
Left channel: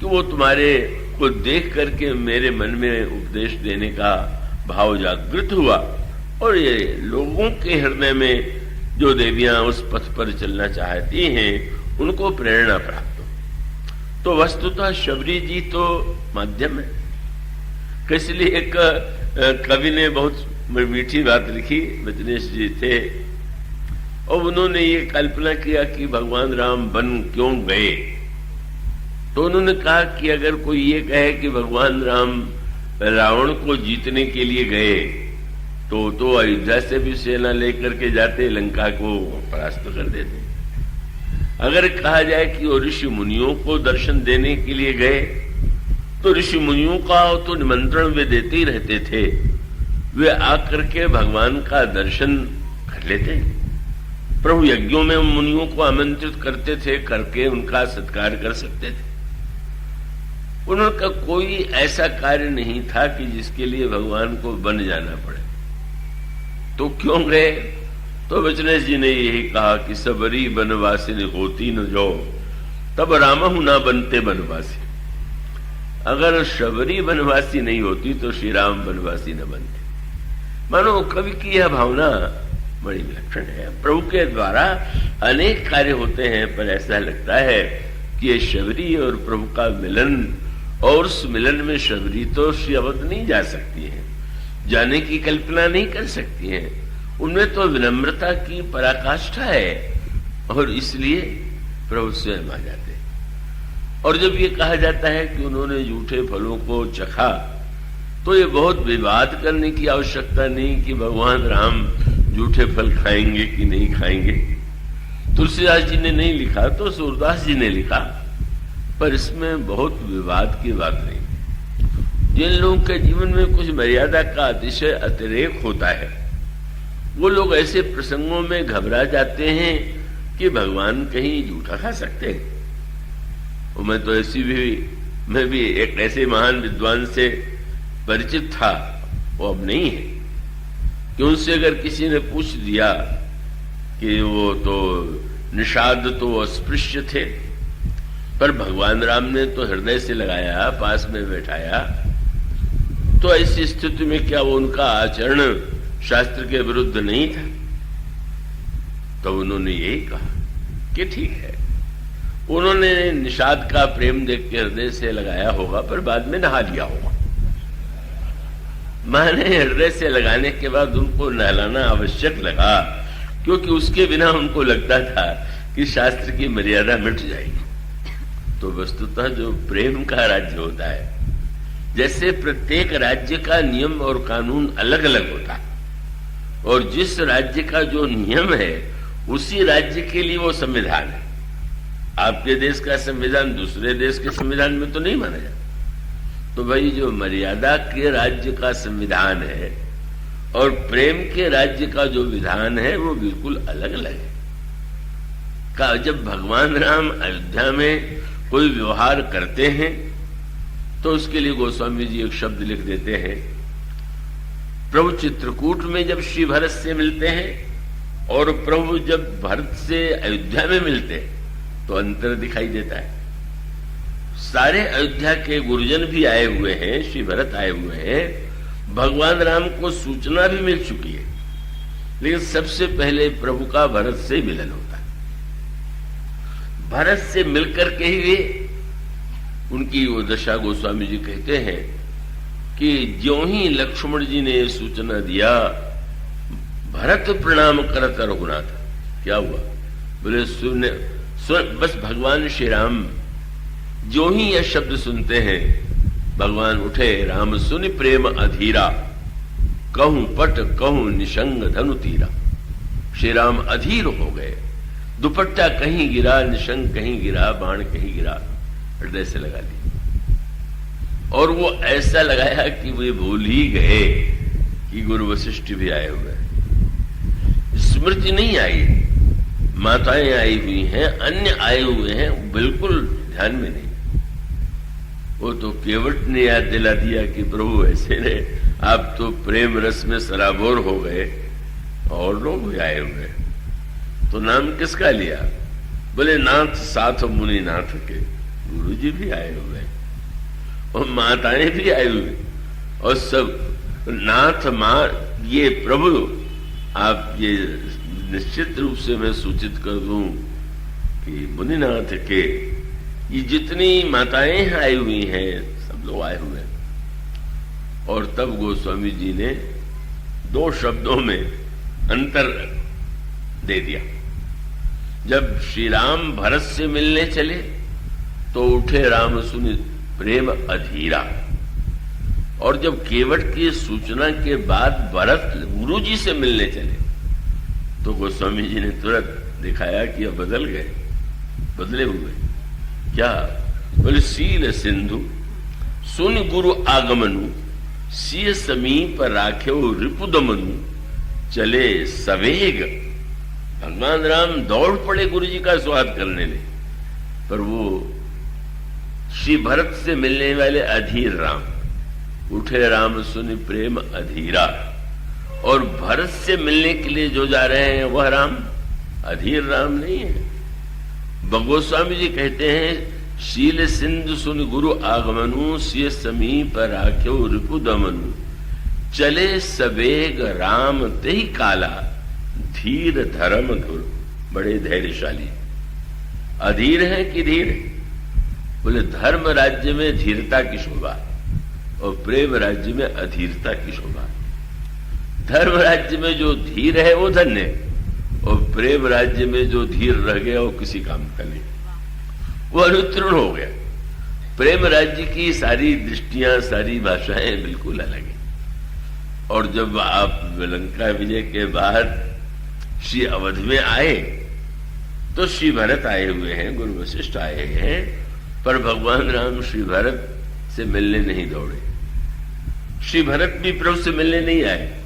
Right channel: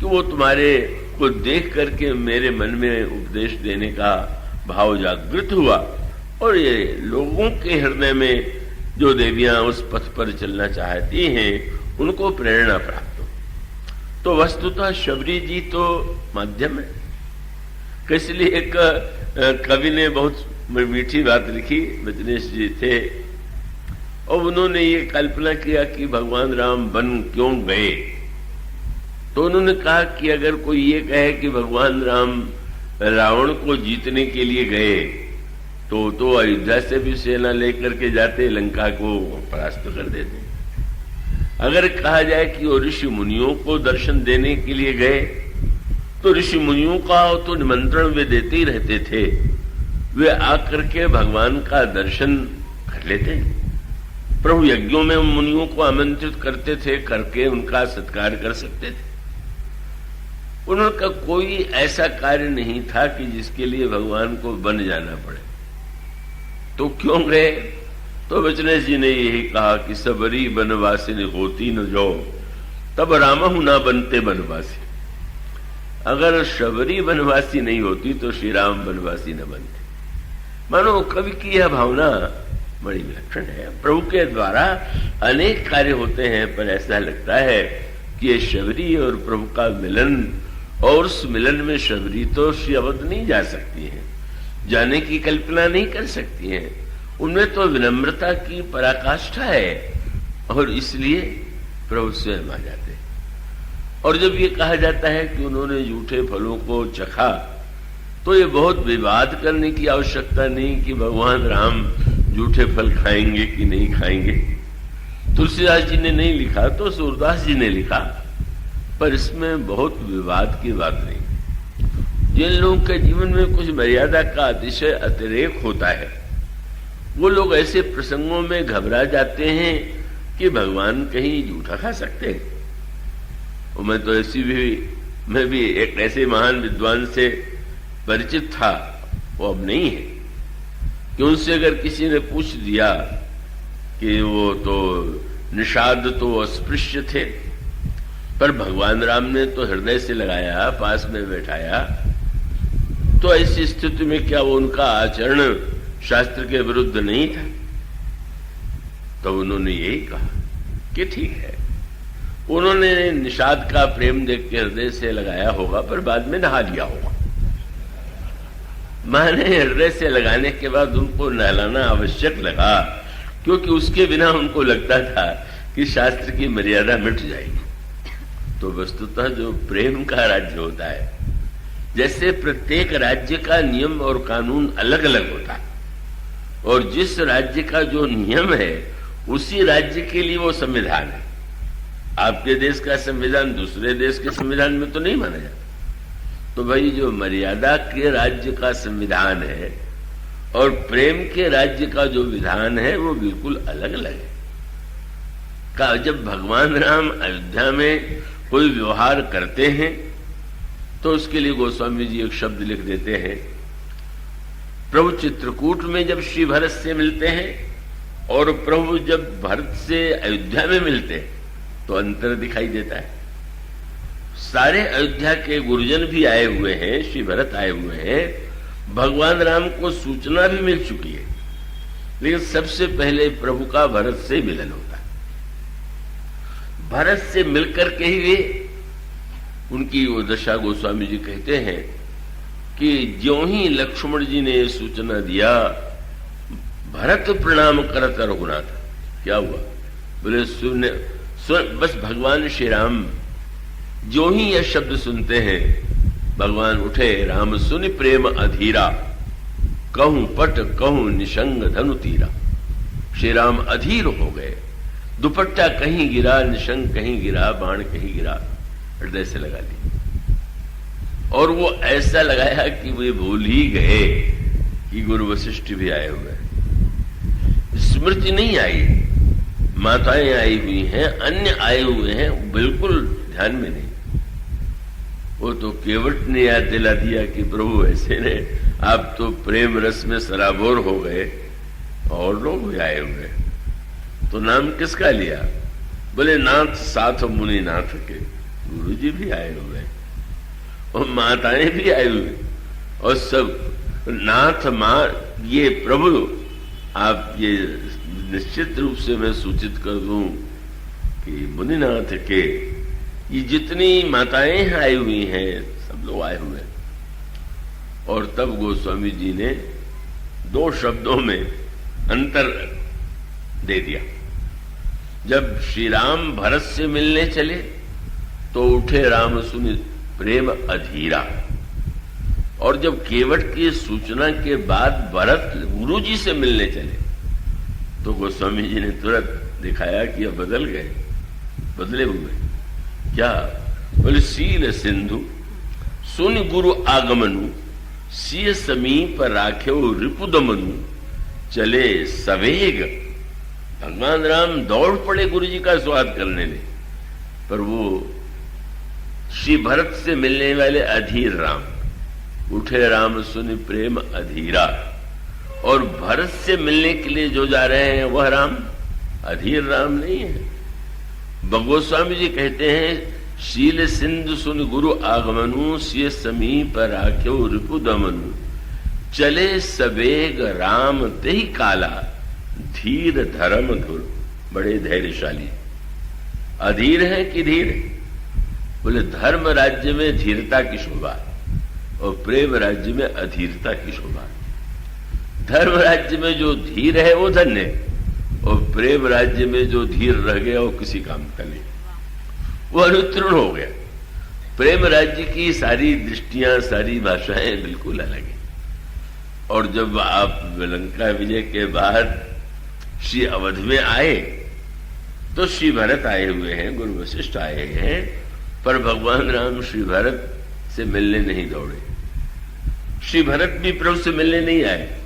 कि वो तुम्हारे को देख करके मेरे मन में उपदेश देने का भाव जागृत हुआ, और ये लोगों के हृदय में जो देवियां उस पथ पर चलना चाहती हैं उनको प्रेरणा प्राप्त। तो वस्तुतः शबरी जी तो माध्यम है। इसलिए एक कवि ने बहुत मीठी बात लिखी, बचनेश जी थे, और उन्होंने ये कल्पना किया कि भगवान राम वन क्यों गए। तो उन्होंने कहा कि अगर कोई ये कहे कि भगवान राम रावण को जीतने के लिए गए तो अयोध्या से भी सेना लेकर के जाते, लंका को परास्त कर देते। अगर कहा जाए कि वो ऋषि मुनियों को दर्शन देने के लिए गए तो ऋषि मुनियों का तो निमंत्रण वे देते ही रहते थे, वे आकर के भगवान का दर्शन कर लेते। प्रभु यज्ञों में मुनियों को आमंत्रित करते थे, करके उनका सत्कार कर सकते थे। उनका कोई ऐसा कार्य नहीं था कि जिसके लिए भगवान को वन जाना पड़े। तो क्यों गए? तो बचनेश जी ने यही कहा कि सबरी बनवासिनी होती न जो, तब रामहु ना बनते बनवासी। अगर शबरी बनवासी नहीं होती तो श्री राम बनवासी न बनते। मानो कवि की यह भावना बड़ी विलक्षण है। प्रभु के द्वारा अनेक कार्य होते हैं, पर ऐसा लगता है कि ये शबरी और प्रभु का मिलन, और उस मिलन में शबरी तो श्री अवध नहीं जा सकती है, जाने की कल्पना नहीं कर सकती है। उनमें तो विनम्रता की पराकाष्ठा है, और इसलिए प्रभु स्वयं आ जाते हैं। और जब ये कहा जाता है कि उन्होंने जूठे फलों को चखा, तो ये बहुत विवाद करने की आवश्यकता नहीं कि भगवान राम जूठे फल खाएंगे कि नहीं खाएंगे। तुलसीदास जी ने नहीं लिखा तो सूरदास जी ने लिखा, पर इसमें बहुत विवाद की बात नहीं। जिन लोगों के जीवन में कुछ मर्यादा का अतिशय अतिरेक होता है, वो लोग ऐसे प्रसंगों में घबरा जाते हैं कि भगवान कहीं जूठा खा सकते हैं। और मैं भी एक ऐसे महान विद्वान से परिचित था, वो अब नहीं है, कि उनसे अगर किसी ने पूछ दिया कि वो तो निषाद तो अस्पृश्य थे, पर भगवान राम ने तो हृदय से लगाया, पास में बैठाया, तो ऐसी स्थिति में क्या वो उनका आचरण शास्त्र के विरुद्ध नहीं था? तो उन्होंने यही कहा कि ठीक है, उन्होंने निषाद का प्रेम देख के हृदय से लगाया होगा, पर बाद में नहा लिया होगा। मैंने हृदय से लगाने के बाद उनको नहलाना आवश्यक लगा, क्योंकि उसके बिना उनको लगता था कि शास्त्र की मर्यादा मिट जाएगी। तो वस्तुतः जो प्रेम का राज्य होता है, जैसे प्रत्येक राज्य का नियम और कानून अलग अलग होता है, और जिस राज्य का जो नियम है उसी राज्य के लिए वो संविधान है। आपके देश का संविधान दूसरे देश के संविधान में तो नहीं माना जाता। तो भाई जो मर्यादा के राज्य का संविधान है और प्रेम के राज्य का जो विधान है वो बिल्कुल अलग अलग है। का जब भगवान राम अयोध्या में कोई व्यवहार करते हैं तो उसके लिए गोस्वामी जी एक शब्द लिख देते हैं। प्रभु चित्रकूट में जब श्री भरत से मिलते हैं और प्रभु जब भरत से अयोध्या में मिलते हैं तो अंतर दिखाई देता है। सारे अयोध्या के गुरुजन भी आए हुए हैं, श्री भरत आए हुए हैं, भगवान राम को सूचना भी मिल चुकी है, लेकिन सबसे पहले प्रभु का भरत से मिलन होता है। भरत से मिलकर के ही वे उनकी वो दशा गोस्वामी जी कहते हैं कि ज्यों ही लक्ष्मण जी ने सूचना दिया, भरत प्रणाम करत रघुनाथ। क्या हुआ? बोले सुन बस भगवान श्री राम जो ही यह शब्द सुनते हैं, भगवान उठे, राम सुन प्रेम अधीरा, कहूं पट कहूं निशंग धनु तीरा। श्री राम अधीर हो गए, दुपट्टा कहीं गिरा, निशंग कहीं गिरा, बाण कहीं गिरा, हृदय से लगा दी। और वो ऐसा लगाया कि वे भूल ही गए कि गुरु वशिष्ठ भी आए हुए हैं। स्मृति नहीं आई, माताएं आई हुई हैं, अन्य आए हुए हैं, बिल्कुल ध्यान में नहीं। वो तो केवट ने याद दिला दिया कि प्रभु ऐसे ने, आप तो प्रेम रस में सराबोर हो गए और लोग भी आए हुए। तो नाम किसका लिया? बोले नाथ साथ मुनि नाथ के, गुरु जी भी आए हुए और माताएं भी आए हुए और सब नाथ मां। ये प्रभु आप ये निश्चित रूप से मैं सूचित कर दूं कि मुनिनाथ के ये जितनी माताएं आई हुई हैं, सब लोग आए हुए हैं। और तब गोस्वामी जी ने दो शब्दों में अंतर दे दिया। जब श्री राम भरत से मिलने चले तो उठे राम सुनि प्रेम अधीरा, और जब केवट की सूचना के बाद भरत गुरु जी से मिलने चले तो गोस्वामी जी ने तुरंत दिखाया कि अब बदल गए, बदले हुए। क्या? बोले सील सिंधु सुन गुरु आगमनु, सिय समीप राख्यो रिपुदमनु, चले सवेग। भगवान राम दौड़ पड़े गुरु जी का स्वागत करने में, पर वो श्री भरत से मिलने वाले अधीर राम उठे, राम सुन प्रेम अधीरा। और भरत से मिलने के लिए जो जा रहे हैं वह राम अधीर राम नहीं है। गोस्वामी जी कहते हैं, शील सिंधु सुन गुरु आगमनु, सिय समीप राख्यो रिपुदमनु, चले सवेग राम तेहि काला, धीर धर्म धुर। बड़े धैर्यशाली। अधीर है कि धीर? बोले धर्म राज्य में धीरता की शोभा और प्रेम राज्य में अधीरता की शोभा। धर्म राज्य में जो धीर है वो धन्य, और प्रेम राज्य में जो धीर रह गया वो किसी काम का नहीं, वो अनुत्तीर्ण हो गया। प्रेम राज्य की सारी दृष्टियां, सारी भाषाएं बिल्कुल अलग है। और जब आप लंका विजय के बाद श्री अवध में आए तो श्री भरत आए हुए हैं, गुरु वशिष्ठ आए हैं, पर भगवान राम श्री भरत से मिलने नहीं दौड़े। श्री भरत भी प्रभु से मिलने नहीं आए।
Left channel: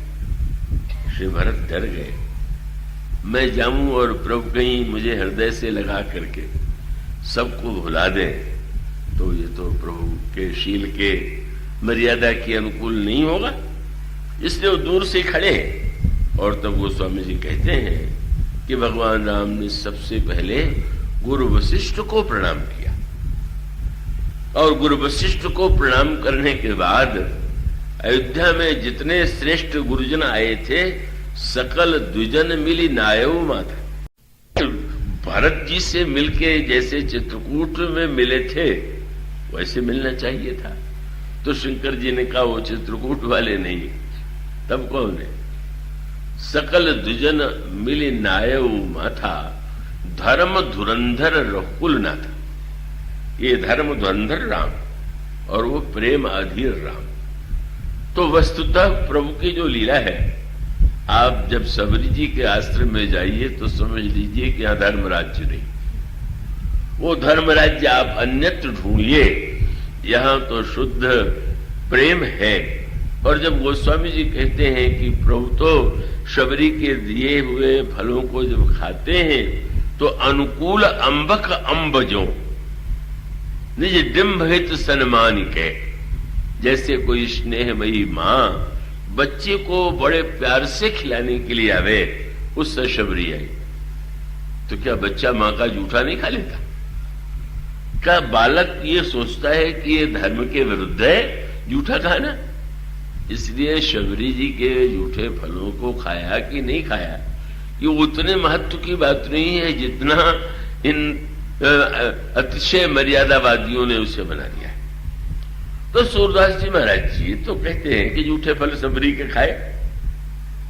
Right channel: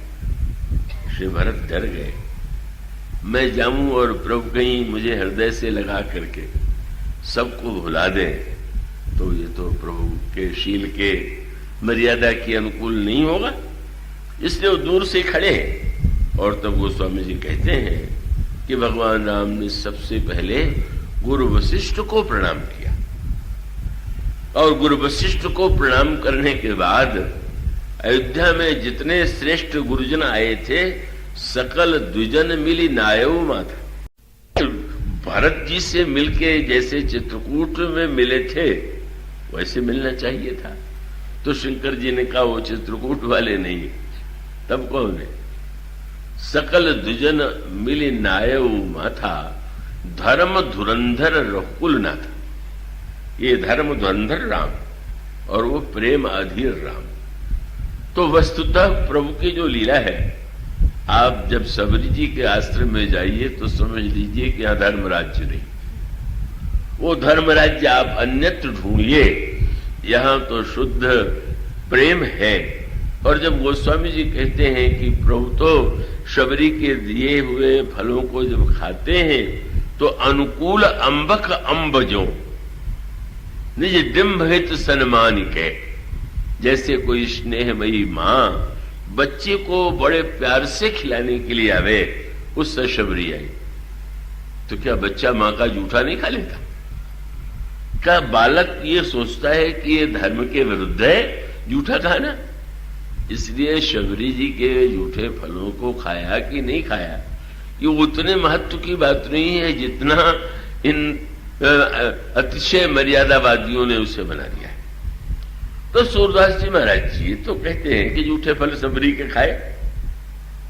श्री भरत डर गए, मैं जाऊं और प्रभु कहीं मुझे हृदय से लगा करके सबको भुला दें तो ये तो प्रभु के शील के मर्यादा के अनुकूल नहीं होगा। इसलिए वो दूर से खड़े हैं। और तब गोस्वामी जी कहते हैं कि भगवान राम ने सबसे पहले गुरु वशिष्ठ को प्रणाम किया, और गुरु वशिष्ठ को प्रणाम करने के बाद अयोध्या में जितने श्रेष्ठ गुरुजन आए थे, सकल द्विजन मिली नायव माथा। भरत जी से मिलके जैसे चित्रकूट में मिले थे वैसे मिलना चाहिए था। तो शंकर जी ने कहा वो चित्रकूट वाले नहीं, तब कौन है? सकल द्विजन मिली नायव माथा, धर्म धुरंधर रघुकुल नाथा। ये धर्म धुरंधर राम और वो प्रेम अधीर राम। तो वस्तुतः प्रभु की जो लीला है, आप जब सबरी जी के आश्रम में जाइए तो समझ लीजिए कि यहां धर्म राज्य नहीं, वो धर्म राज्य आप अन्यत्र ढूंढिए, यहां तो शुद्ध प्रेम है। और जब गोस्वामी जी कहते हैं कि प्रभु तो शबरी के दिए हुए फलों को जब खाते हैं तो अनुकूल अंबक अंबजो निज डिम्ब हित सन्मान के, जैसे कोई स्नेहमयी मां बच्चे को बड़े प्यार से खिलाने के लिए आवे, उस शबरी आई तो क्या बच्चा मां का जूठा नहीं खा लेता? क्या बालक ये सोचता है कि ये धर्म के विरुद्ध है जूठा खाना? इसलिए शबरी जी के जूठे फलों को खाया कि नहीं खाया, ये उतने महत्व की बात नहीं है जितना इन अतिशय मर्यादावादियों ने उसे बना दिया है। तो सूरदास जी महाराज जी तो कहते हैं कि जूठे फल शबरी के खाए।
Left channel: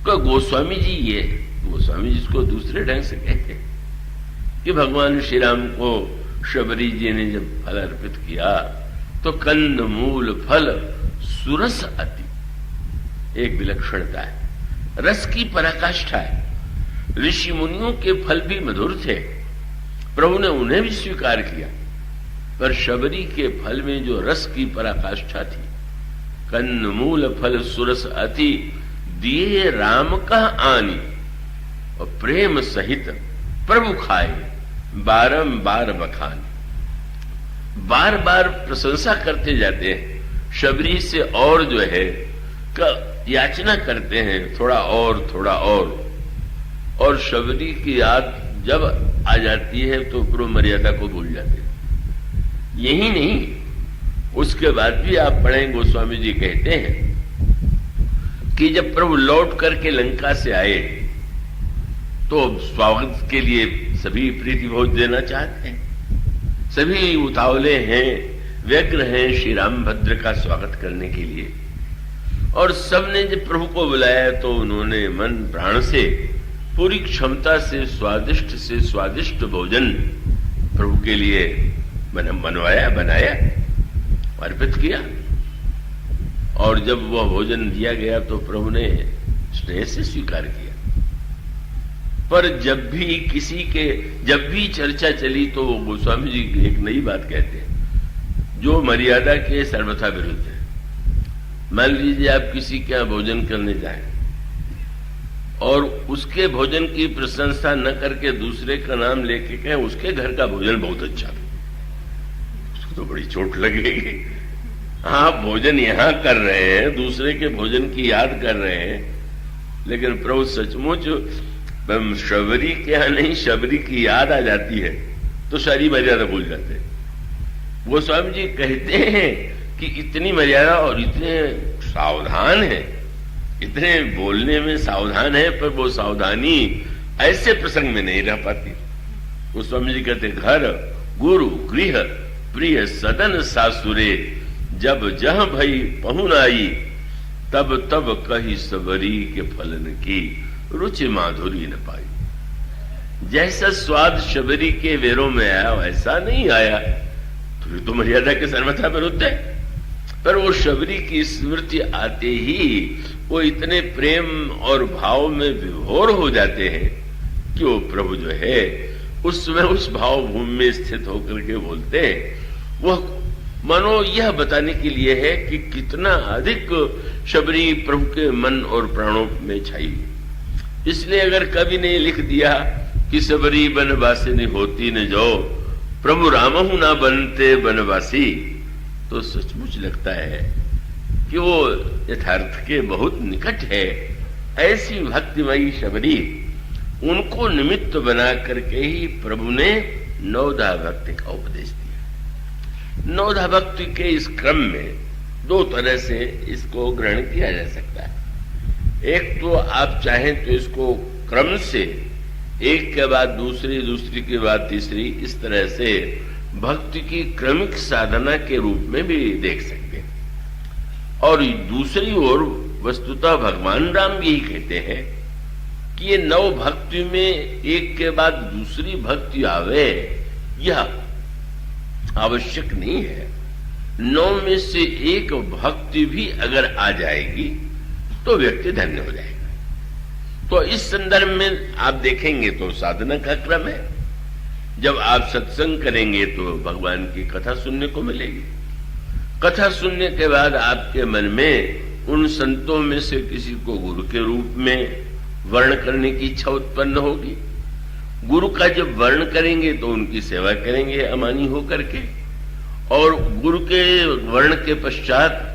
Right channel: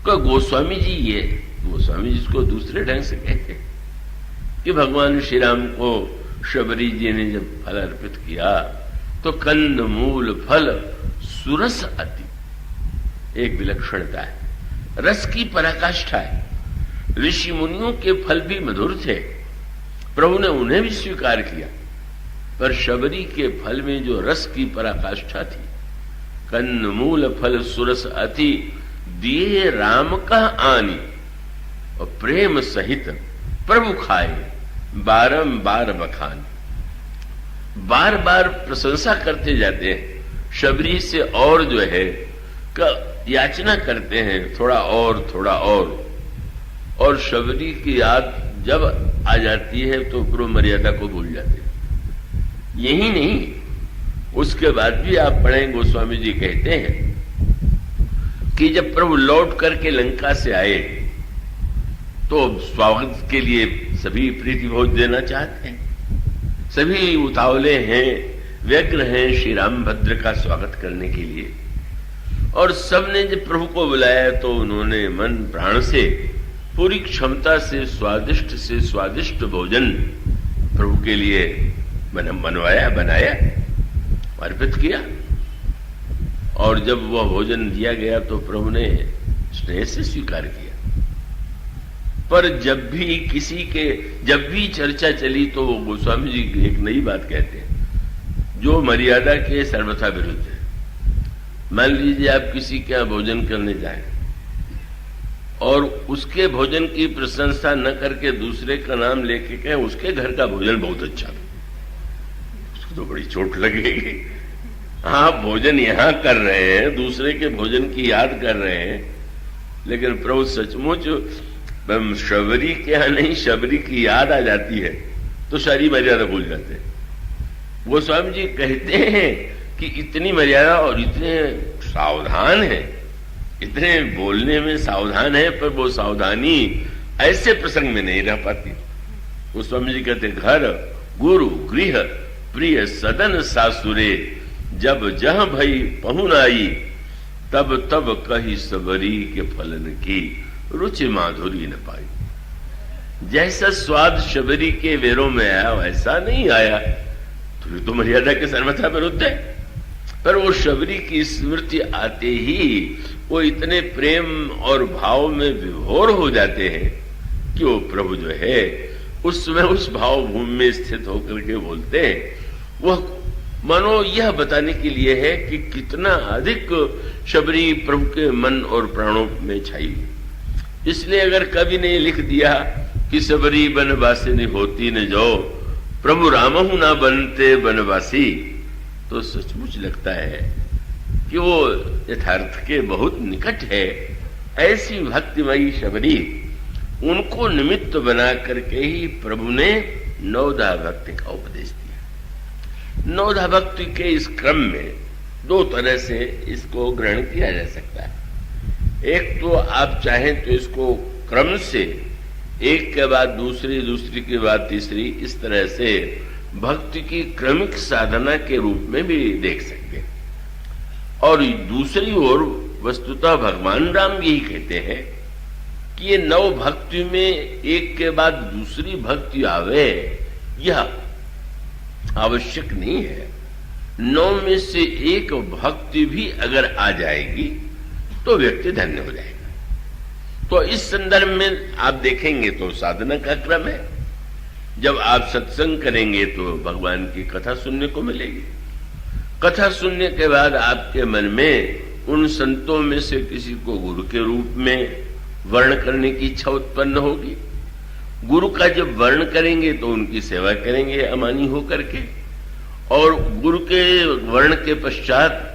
तो गोस्वामी जी, ये गोस्वामी जिसको दूसरे ढंग से कहते हैं कि भगवान श्री राम को शबरी जी ने जब फल अर्पित किया तो कंद मूल फल सुरस अति, एक विलक्षणता है, रस की पराकाष्ठा है। ऋषि मुनियों के फल भी मधुर थे, प्रभु ने उन्हें भी स्वीकार किया, पर शबरी के फल में जो रस की पराकाष्ठा थी, कंद मूल फल सुरस अति दिए राम का आनी, और प्रेम सहित प्रभु खाए बारंबार बखान। बार बार प्रशंसा करते जाते हैं शबरी से, और जो है याचना करते हैं थोड़ा और शबरी की याद जब आ जाती है तो प्रभु मर्यादा को भूल जाते हैं। यही नहीं, उसके बाद भी आप पढ़ें, गोस्वामी जी कहते हैं कि जब प्रभु लौट करके लंका से आए तो स्वागत के लिए सभी प्रीति भोज देना चाहते हैं, सभी उतावले हैं, व्यग्र हैं श्री रामभद्र का स्वागत करने के लिए। और सबने जब प्रभु को बुलाया तो उन्होंने मन प्राण से पूरी क्षमता से स्वादिष्ट भोजन प्रभु के लिए बनाया, अर्पित किया। और जब वह भोजन दिया गया तो प्रभु ने स्नेह से स्वीकार किया। पर जब भी चर्चा चली तो वो गोस्वामी जी एक नई बात कहते हैं जो मर्यादा के सर्वथा विरुद्ध है। मान लीजिए आप किसी के यहाँ भोजन करने जाएं और उसके भोजन की प्रशंसा न करके दूसरे का नाम लेके कहें उसके घर का भोजन बहुत अच्छा है, उसको तो बड़ी चोट लगेगी। आप भोजन यहां कर रहे हैं, दूसरे के भोजन की याद कर रहे हैं, लेकिन प्रभु सचमुच शबरी के यहां नहीं, शबरी की याद आ जाती है तो सारी मर्यादा भूल जाते हैं। वो स्वामी जी कहते हैं कि इतनी मर्यादा और इतने सावधान है, इतने बोलने में सावधान है, पर वो सावधानी ऐसे प्रसंग में नहीं रह पाती। वो स्वामी जी कहते घर गुरु गृह प्रिय सदन सासुरे, जब जह भई पहुन आई, तब तब कही सबरी के फलन की, रुचि माधुरी न पाई। जैसा स्वाद शबरी के वेरों में आया वैसा नहीं आया, तो मर्यादा के सर्वथा विरुद्ध है। पर वो शबरी की स्मृति आते ही वो इतने प्रेम और भाव में विभोर हो जाते हैं कि वो प्रभु जो है उसमें उस भाव भूमि में स्थित होकर के बोलते हैं। वो मनो यह बताने के लिए है कि कितना अधिक शबरी प्रभु के मन और प्राणों में छाई। इसलिए अगर कवि ने लिख दिया कि सबरी बनवासिनी होती न जो, प्रभु रामहु ना बनते बनवासी, तो सचमुच लगता है कि वो यथार्थ के बहुत निकट है। ऐसी भक्तिमयी शबरी, उनको निमित्त बना करके ही प्रभु ने नवधा भक्ति का उपदेश दिया। नवधा भक्ति के इस क्रम में दो तरह से इसको ग्रहण किया जा सकता है। एक तो आप चाहें तो इसको क्रम से एक के बाद दूसरी, दूसरी के बाद तीसरी, इस तरह से भक्ति की क्रमिक साधना के रूप में भी देख सकते हैं। और दूसरी ओर वस्तुतः भगवान राम यही कहते हैं कि ये नव भक्ति में एक के बाद दूसरी भक्ति आवे, यह आवश्यक नहीं है। नौ में से एक भक्ति भी अगर आ जाएगी तो व्यक्ति धन्य हो जाएगा। तो इस संदर्भ में आप देखेंगे तो साधना का क्रम है। जब आप सत्संग करेंगे तो भगवान की कथा सुनने को मिलेगी। कथा सुनने के बाद आपके मन में उन संतों में से किसी को गुरु के रूप में वर्ण करने की इच्छा उत्पन्न होगी। गुरु का जब वर्ण करेंगे तो उनकी सेवा करेंगे अमानी होकर के, और गुरु के वर्ण के पश्चात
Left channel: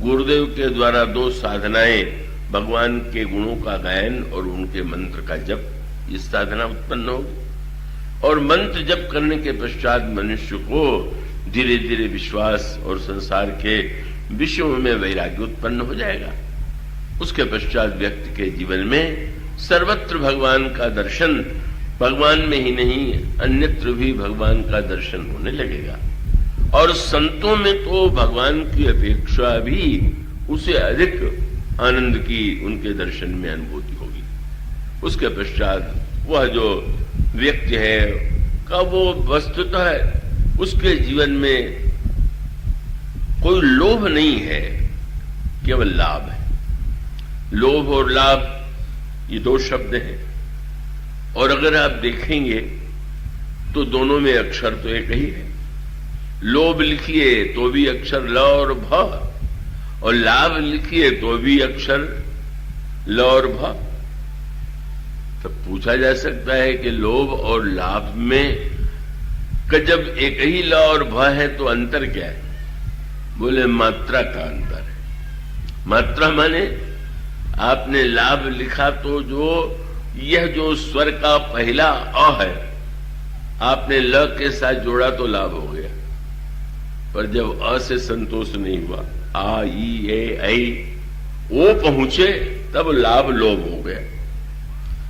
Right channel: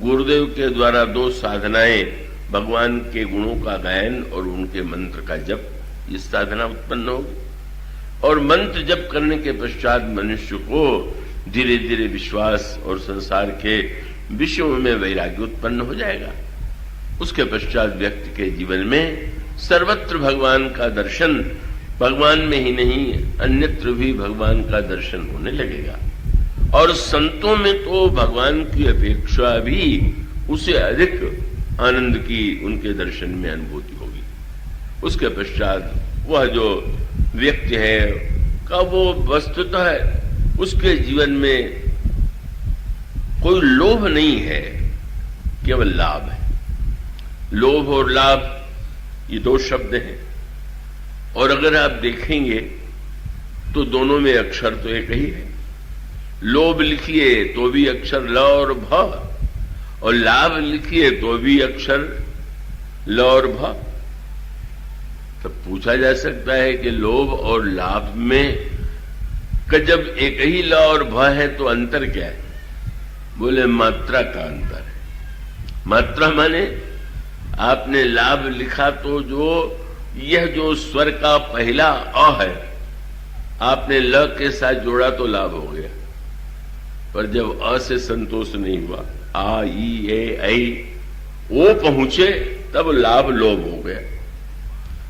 गुरुदेव के द्वारा दो साधनाएं, भगवान के गुणों का गायन और उनके मंत्र का जप, ये साधना उत्पन्न होगी। और मंत्र जप करने के पश्चात मनुष्य को धीरे धीरे विश्वास और संसार के विषयों में वैराग्य उत्पन्न हो जाएगा। उसके पश्चात व्यक्ति के जीवन में सर्वत्र भगवान का दर्शन, भगवान में ही नहीं अन्यत्र भी भगवान का दर्शन होने लगेगा। और संतों में तो भगवान की अपेक्षा भी उसे अधिक आनंद की उनके दर्शन में अनुभूति होगी। उसके पश्चात वह जो व्यक्ति है का वो वस्तुतः उसके जीवन में कोई लोभ नहीं है, केवल लाभ है। लोभ और लाभ ये दो शब्द हैं, और अगर आप देखेंगे तो दोनों में अक्षर तो एक ही है। लोभ लिखिए तो भी अक्षर ल और भ, और लाभ लिखिए तो भी अक्षर ल और भ। तो पूछा जा सकता है कि लोभ और लाभ में जब एक ही ल और भ है तो अंतर क्या है? बोले मात्रा का अंतर है। मात्रा माने आपने लाभ लिखा तो यह जो स्वर का पहला अ है आपने ल के साथ जोड़ा तो लाभ हो गया, पर जब अ से संतोष नहीं हुआ, आ ई ए ऐ ओ पहुंचे तब लाभ लोभ हो गया।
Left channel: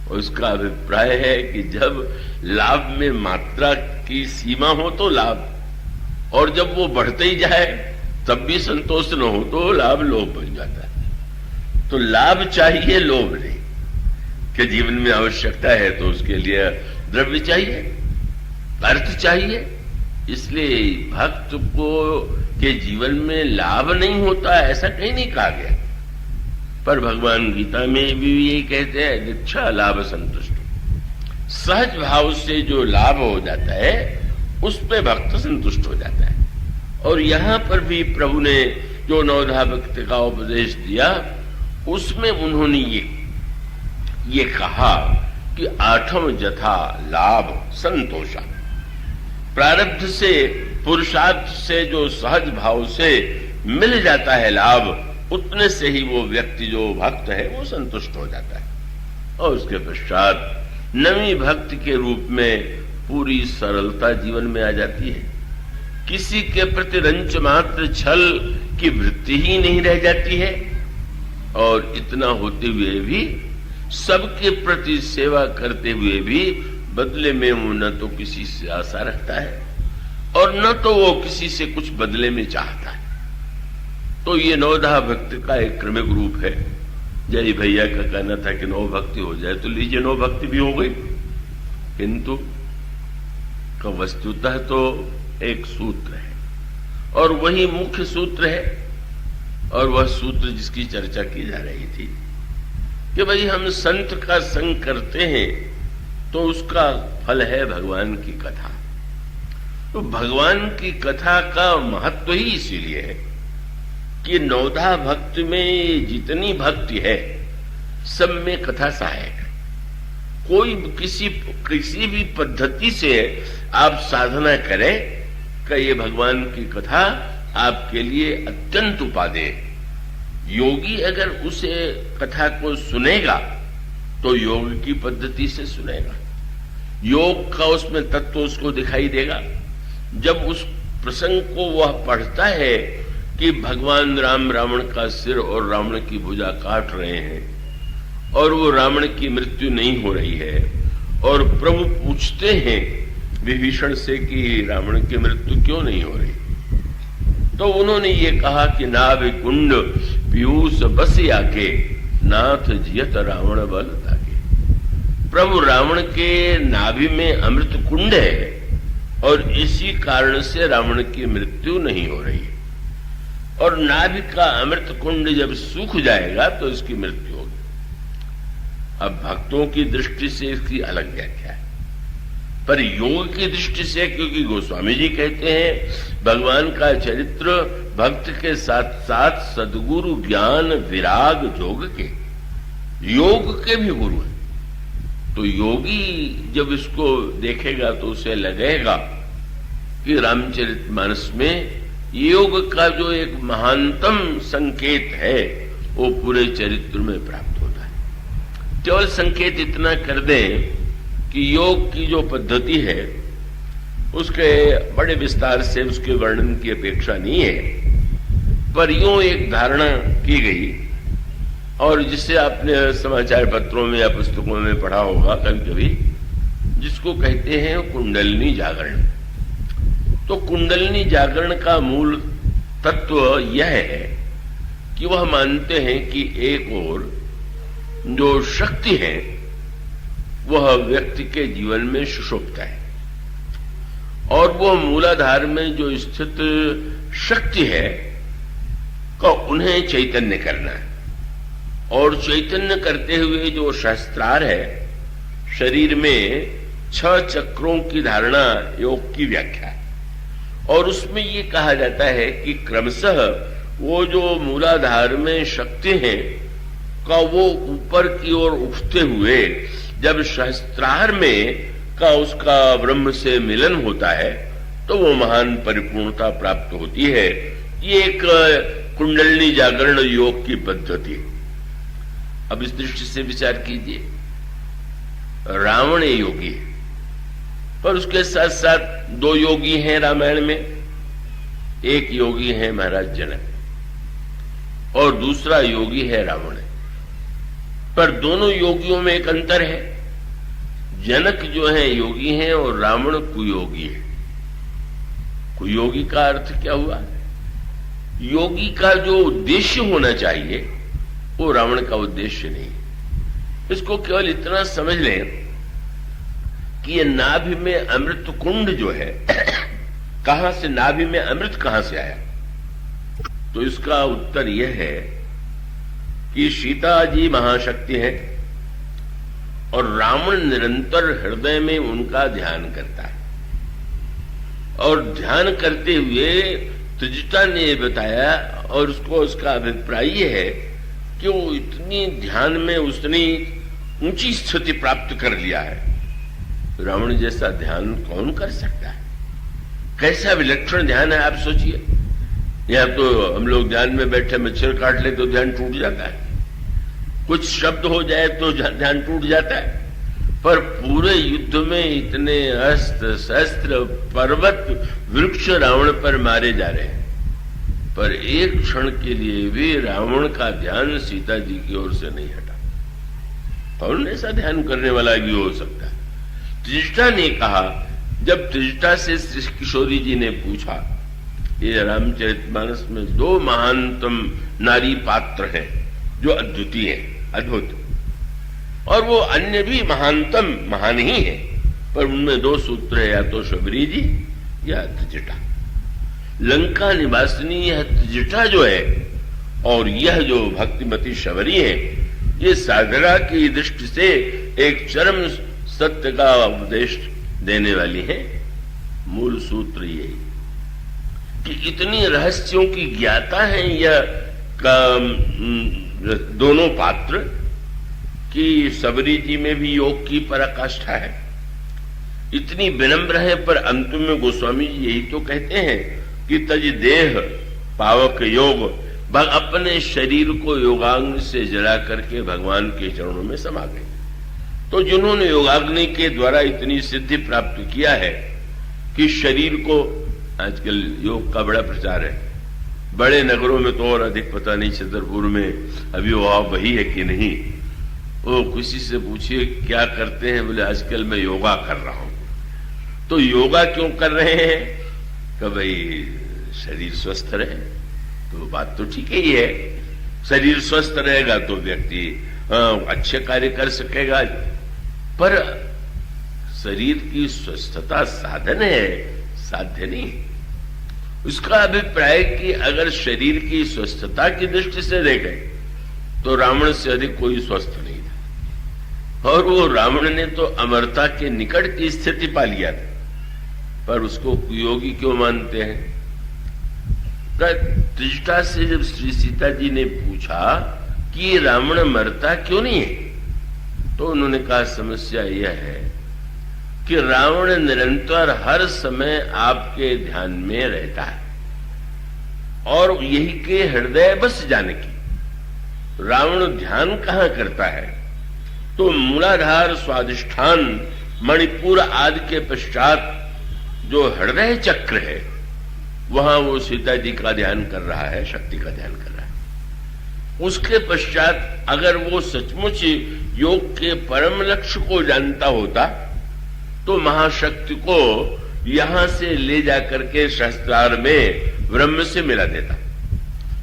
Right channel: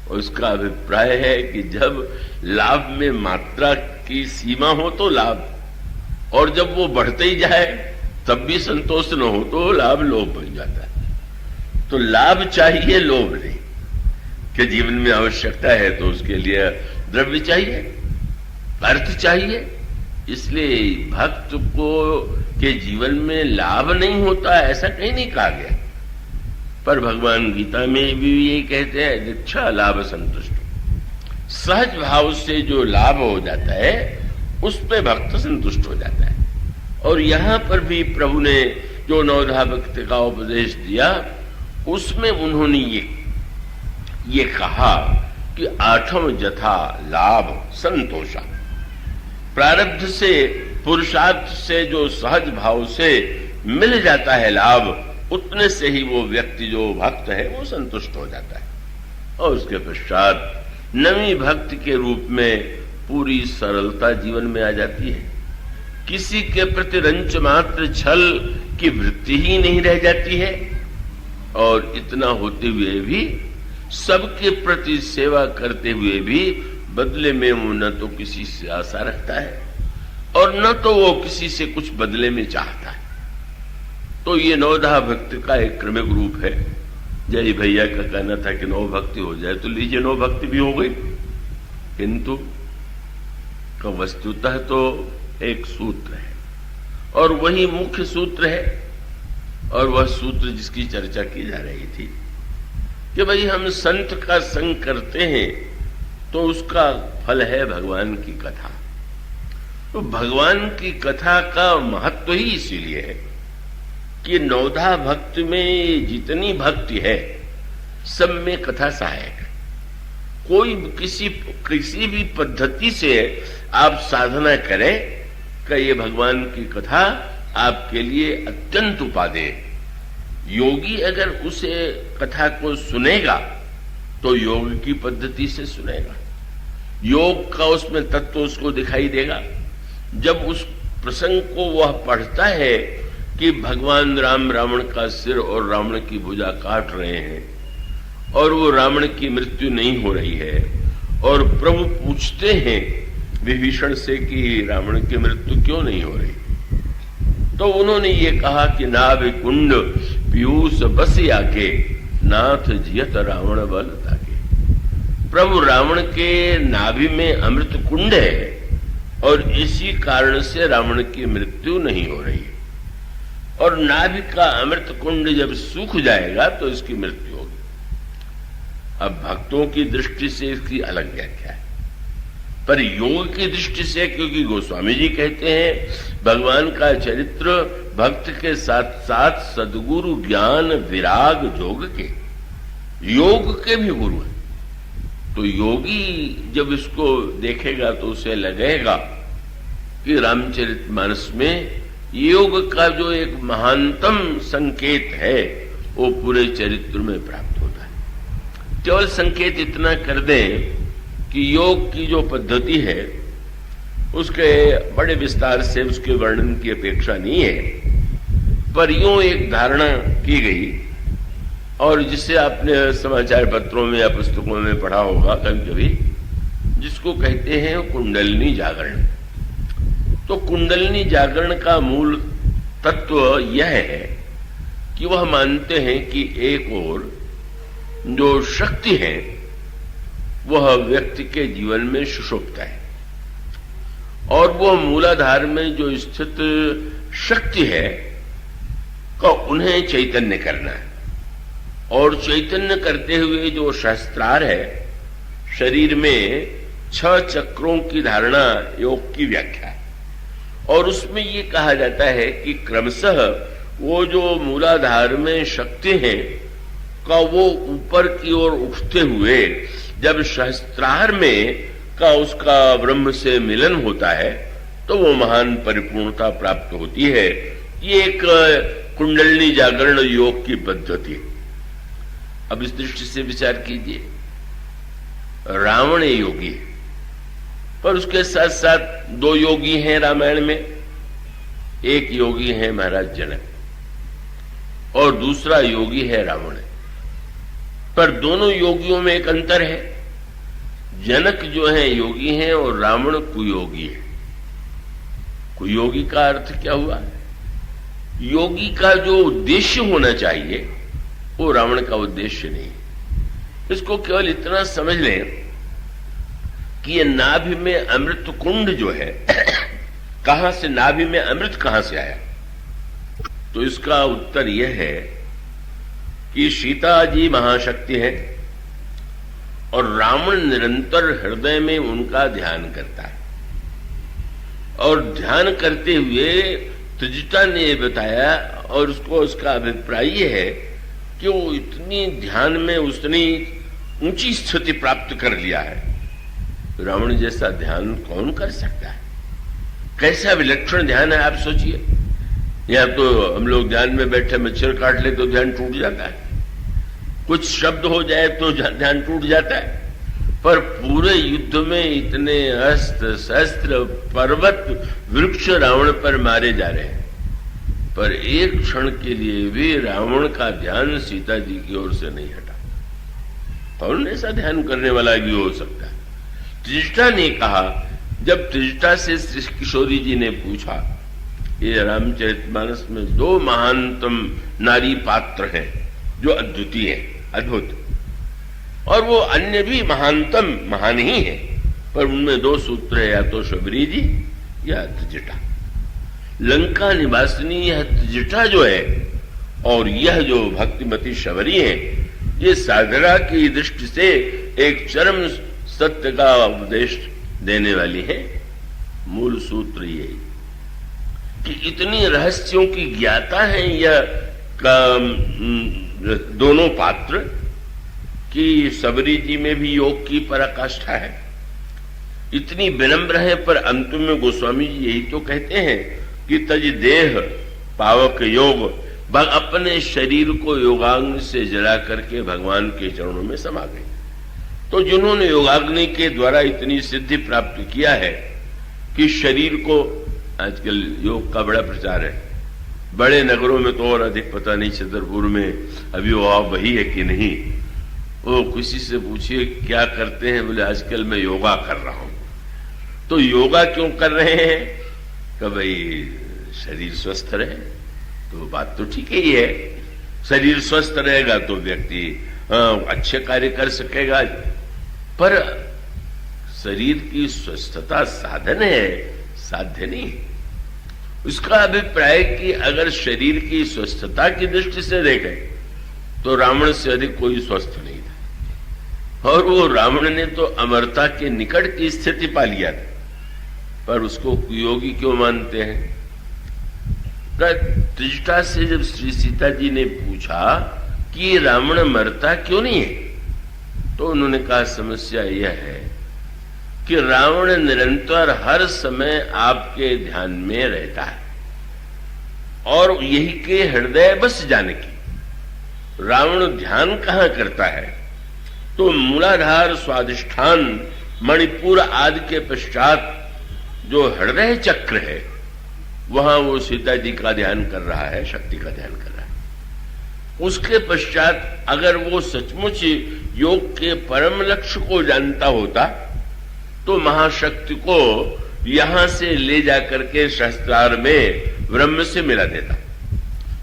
और इसका अभिप्राय है कि जब लाभ में मात्रा की सीमा हो तो लाभ, और जब वो बढ़ते ही जाए तब भी संतोष न हो तो लाभ लोभ बन जाता है। तो लाभ चाहिए, लोभ नहीं। कि जीवन में आवश्यकता है तो उसके लिए द्रव्य चाहिए, अर्थ चाहिए। इसलिए भक्त को के जीवन में लाभ नहीं होता ऐसा कहीं नहीं कहा गया, पर भगवान गीता में भी यही कहते हैं, दीक्षा लाभ संतुष्ट। सहज भाव से जो लाभ हो जाता है उस पे भक्त संतुष्ट हो जाता है। और यहां पर भी प्रभु ने जो नवधा भक्ति का उपदेश दिया उसमें उन्होंने ये कहा कि आठम जथा लाभ संतोषा। प्रारब्ध से, पुरुषार्थ से जो सहज भाव से मिल जाता है लाभ, उतने से ही वो व्यक्ति जो भक्त है वो संतुष्ट हो जाता है। और उसके पश्चात नवी भक्ति के रूप में पूरी सरलता जीवन में आ जाती है। किसी के प्रति रंच मात्र छल की वृत्ति ही नहीं रह जाती है, और इतना होते हुए भी सबके प्रति सेवा करते हुए भी बदले में वो न तो किसी से आशा रखता है और न तो वो किसी से कुछ बदले में चाहता। तो ये नवधा भक्ति का एक क्रमिक रूप है। जय भैया का कहना था कि नव भक्ति हो जाए तो लीजिए नव भक्ति भी हो गई, किंतु तो वस्तुतः तो एक सूत्र है और वही मुख्य सूत्र है। और वह सूत्र जिसकी चर्चा की जा रही थी कि भाई हम संत का संग करते हैं तो उसका फल है भगवान की कथा। तो भगवान की कथा का महत्व ही इसीलिए है कि नवधा भक्ति में जितनी भक्ति है सब में कथा सहायक है। कोई किसी भी पद्धति से आप साधना करें कि ये भगवान की कथा आपके लिए अत्यंत उपादेय है। योगी अगर उसे कथा को सुनेगा तो योग की पद्धति से सुनेगा, योग का उसमें तत्व उसको दिखाई देगा। जब उस प्रसंग को वह पढ़ता है कि भगवान राम रावण का सिर और रावण की भुजा काट रहे हैं और वो रावण की मृत्यु नहीं हो रही है, और प्रभु पूछते हैं विभीषण से कि रावण की मृत्यु क्यों नहीं हो रही, तो उन्होंने ये कहा कि नाभि कुंड पीयूष बस आके नाथ जियत रावण बल ताके। प्रभु रावण के नाभि में अमृत कुंड है और इसी कारण से रावण की मृत्यु नहीं हो रही है। और नाभि का अमृत कुंड जब सूख जाएगा तो इसकी मृत्यु होगी। अब भक्तों की दृष्टि से इसकी अलग व्याख्या है, पर योग की दृष्टि से, क्योंकि गोस्वामी जी कहते हैं भगवान का चरित्र भक्त के साथ साथ सद्गुरु ज्ञान विराग जोग के, योग के भी गुरु हैं। तो योगी जब इसको देखेगा तो उसे लगेगा कि रामचरितमानस में योग का जो एक महानतम संकेत है वो पूरे चरित्र में प्राप्त होता है। केवल संकेत इतना कर दें कि योग की जो पद्धति है उसके बड़े विस्तार से उसके वर्णन की अपेक्षा नहीं है, पर यूं एक धारणा की गई, और जिसे आपने समाचार पत्रों में या पुस्तकों में पढ़ा होगा कभी कभी, जिसको कहते हैं कुंडलिनी जागरण। तो कुंडलिनी जागरण का मूल तत्व यह है कि वह मानते हैं कि एक ओर जो शक्ति है वह व्यक्ति के जीवन में सुषुप्त है, और वह मूलाधार में जो स्थित शक्ति है का उन्हें चैतन्य करना है। और चैतन्य करते हुए जो शास्त्रार है, शरीर में 6 चक्रों की धारणा योग की व्याख्या है, और उसमें ये कहा जाता है कि क्रमशः वो जो मूलाधार में शक्ति है का वो ऊपर की ओर उठते हुए जब शास्त्रार में का उसका ब्रह्म से मिलन होता है तो वो महान परिपूर्णता प्राप्त होती है। ये एक कुंडलिनी जागरण योग की पद्धति है। अब इस दृष्टि से विचार कीजिए, रावण योगी है, पर उसके साथ साथ 2 योगी हैं रामायण में। एक योगी है महाराज जनक और दूसरा योगी है रावण। पर दोनों योगियों में एक अंतर है। जनक जो है योगी हैं और रावण कुयोगी है। कुयोगी का अर्थ क्या हुआ? योगी का जो उद्देश्य होना चाहिए वो रावण का उद्देश्य नहीं। इसको केवल इतना समझ लें कि ये नाभि में अमृत कुंड जो है कहां से, नाभि में अमृत कहां से आया? तो इसका उत्तर यह है कि सीता जी महाशक्ति है और रावण निरंतर हृदय में उनका ध्यान करता है। और ध्यान करते हुए त्रिजटा ने बताया, और उसका अभिप्राय यह है कि वो इतनी ध्यान में उसने ऊंची स्थिति प्राप्त कर लिया है। रावण जैसा ध्यान कौन कर सकता है? कैसा विलक्षण ध्यान है, आप सोचिए। या तो हम लोग ध्यान में बैठे मच्छर काट ले तो ध्यान टूट जाता है, कुछ शब्द हो जाए तो ध्यान टूट जाता है, पर पूरे युद्ध में इतने अस्त्र शस्त्र पर्वत वृक्ष रावण पर मारे जा रहे हैं, पर एक क्षण के लिए भी रावण का ध्यान सीता जी की ओर से नहीं हटा। कौन ऐसा ध्यान करने वाला भी हो सकता है? त्रिजटा ने कहा, जब त्रिजटा से श्री किशोरी जी ने पूछा, ये रामचरितमानस में 2 महानतम नारी पात्र हैं जो अद्वितीय है, अद्भुत, और वो अन्य भी महानतम महान ही है, पर उनमें 2 सूत्र है, या तो शबरी जी या त्रिजटा। लंका निवासिनी यह त्रिजटा जो है और यह जो भक्तिमती शबरी है, ये साधना की दृष्टि से एक चरम सत्य का उपदेश देने वाली है। मूल सूत्र यही कि इतनी रहस्यों की ज्ञाता है यह दोनों पात्र कि सबरी जी में भी योग की पराकाष्ठा है। इतनी विनम्र है, पर अंत में गोस्वामी जी यही तो कहते हैं कि तज देह पावक योग, अपने शरीर को योगाग्नि से जला करके भगवान के चरणों में समा गए। तो जिन्होंने योगाग्नि के द्वारा इतनी सिद्धि प्राप्त किया है कि शरीर को, आजकल योग का बड़ा प्रचार है, बड़े नगरों में तो और अधिक, पता नहीं छतरपुर में अभी वो वही है कि नहीं। वो किसी से पूछिए क्या करते हैं, बोले आजकल मैं योगा कर रहा हूं। तो योगा क्यों कर रहे हैं? कि भाई शरीर स्वस्थ रहे। तो बात तो ठीक ही है, शरीर स्वस्थ रहेगा तो व्यक्ति अच्छे कार्य कर सकेगा, पर शरीर की स्वस्थता साधन है, साध्य नहीं। उसका अभिप्राय कि अगर शरीर की स्वस्थता की दृष्टि से देखें तो रावण से अधिक कोई स्वस्थ नहीं था, और वो रावण ने तो अमरता के निकट की स्थिति पा लिया था, पर उसको कुयोगी क्यों मानते हैं? त्रिजटा से जब श्री सीता जी ने पूछा कि रावण मरता क्यों नहीं है, तो उन्होंने कहा समस्या यह है कि रावण निरंतर हर समय आपके ध्यान में रहता है, और यही के हृदय बस जाने की। रावण ध्यान कहां करता है? तो मूलाधार स्वाधिष्ठान मणिपुर आदि के पश्चात जो हृदय चक्र है वहां वो सीता जी का ध्यान कर रहा है, शक्ति का ध्यान कर रहा है। उसके पश्चात अगर वो सचमुच योग के परम लक्ष्य को जानता होता तो महाशक्ति को यहां से ले जाकर के शस्त्रार में ब्रह्म से मिला देता।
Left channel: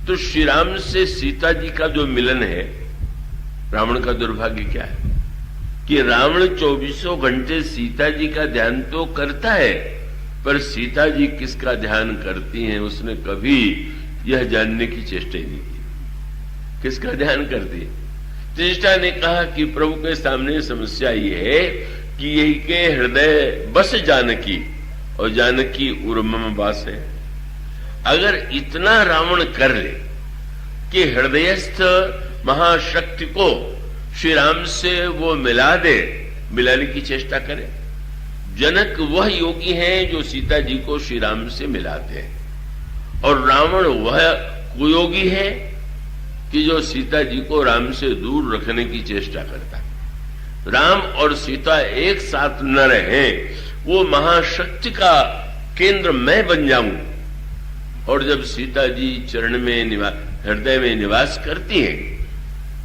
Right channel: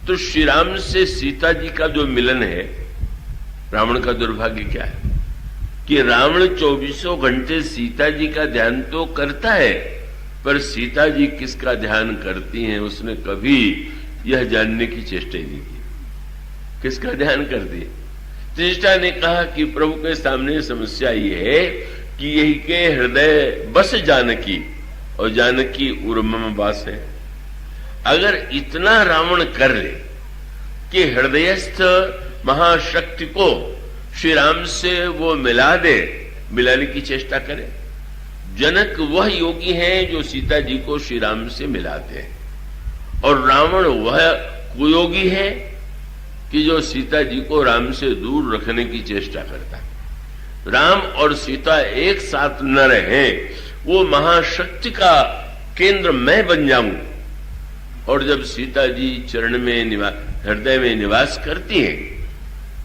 तो श्री राम से सीता जी का जो मिलन है, रावण का दुर्भाग्य क्या है कि रावण 24 घंटे सीता जी का ध्यान तो करता है, पर सीता जी किसका ध्यान करती हैं उसने कभी यह जानने की चेष्टा ही नहीं की। किसका ध्यान करती है? त्रिष्ठा ने कहा कि प्रभु के सामने समस्या ये है कि यही के हृदय बस जानकी और जानकी उर्मम वास है। अगर इतना रावण कर ले कि हृदयस्थ महाशक्ति को श्री राम से वो मिला दे, मिलाने की चेष्टा करे। जनक वह योगी हैं जो सीता जी को श्री राम से मिलाते हैं, और रावण वह कुयोगी है कि जो सीता जी को राम से दूर रखने की चेष्टा करता है। राम और सीता एक साथ न रहे, वो महाशक्ति का केंद्र मैं बन जाऊं, और जब सीता जी चरण में हृदय में निवास करती हैं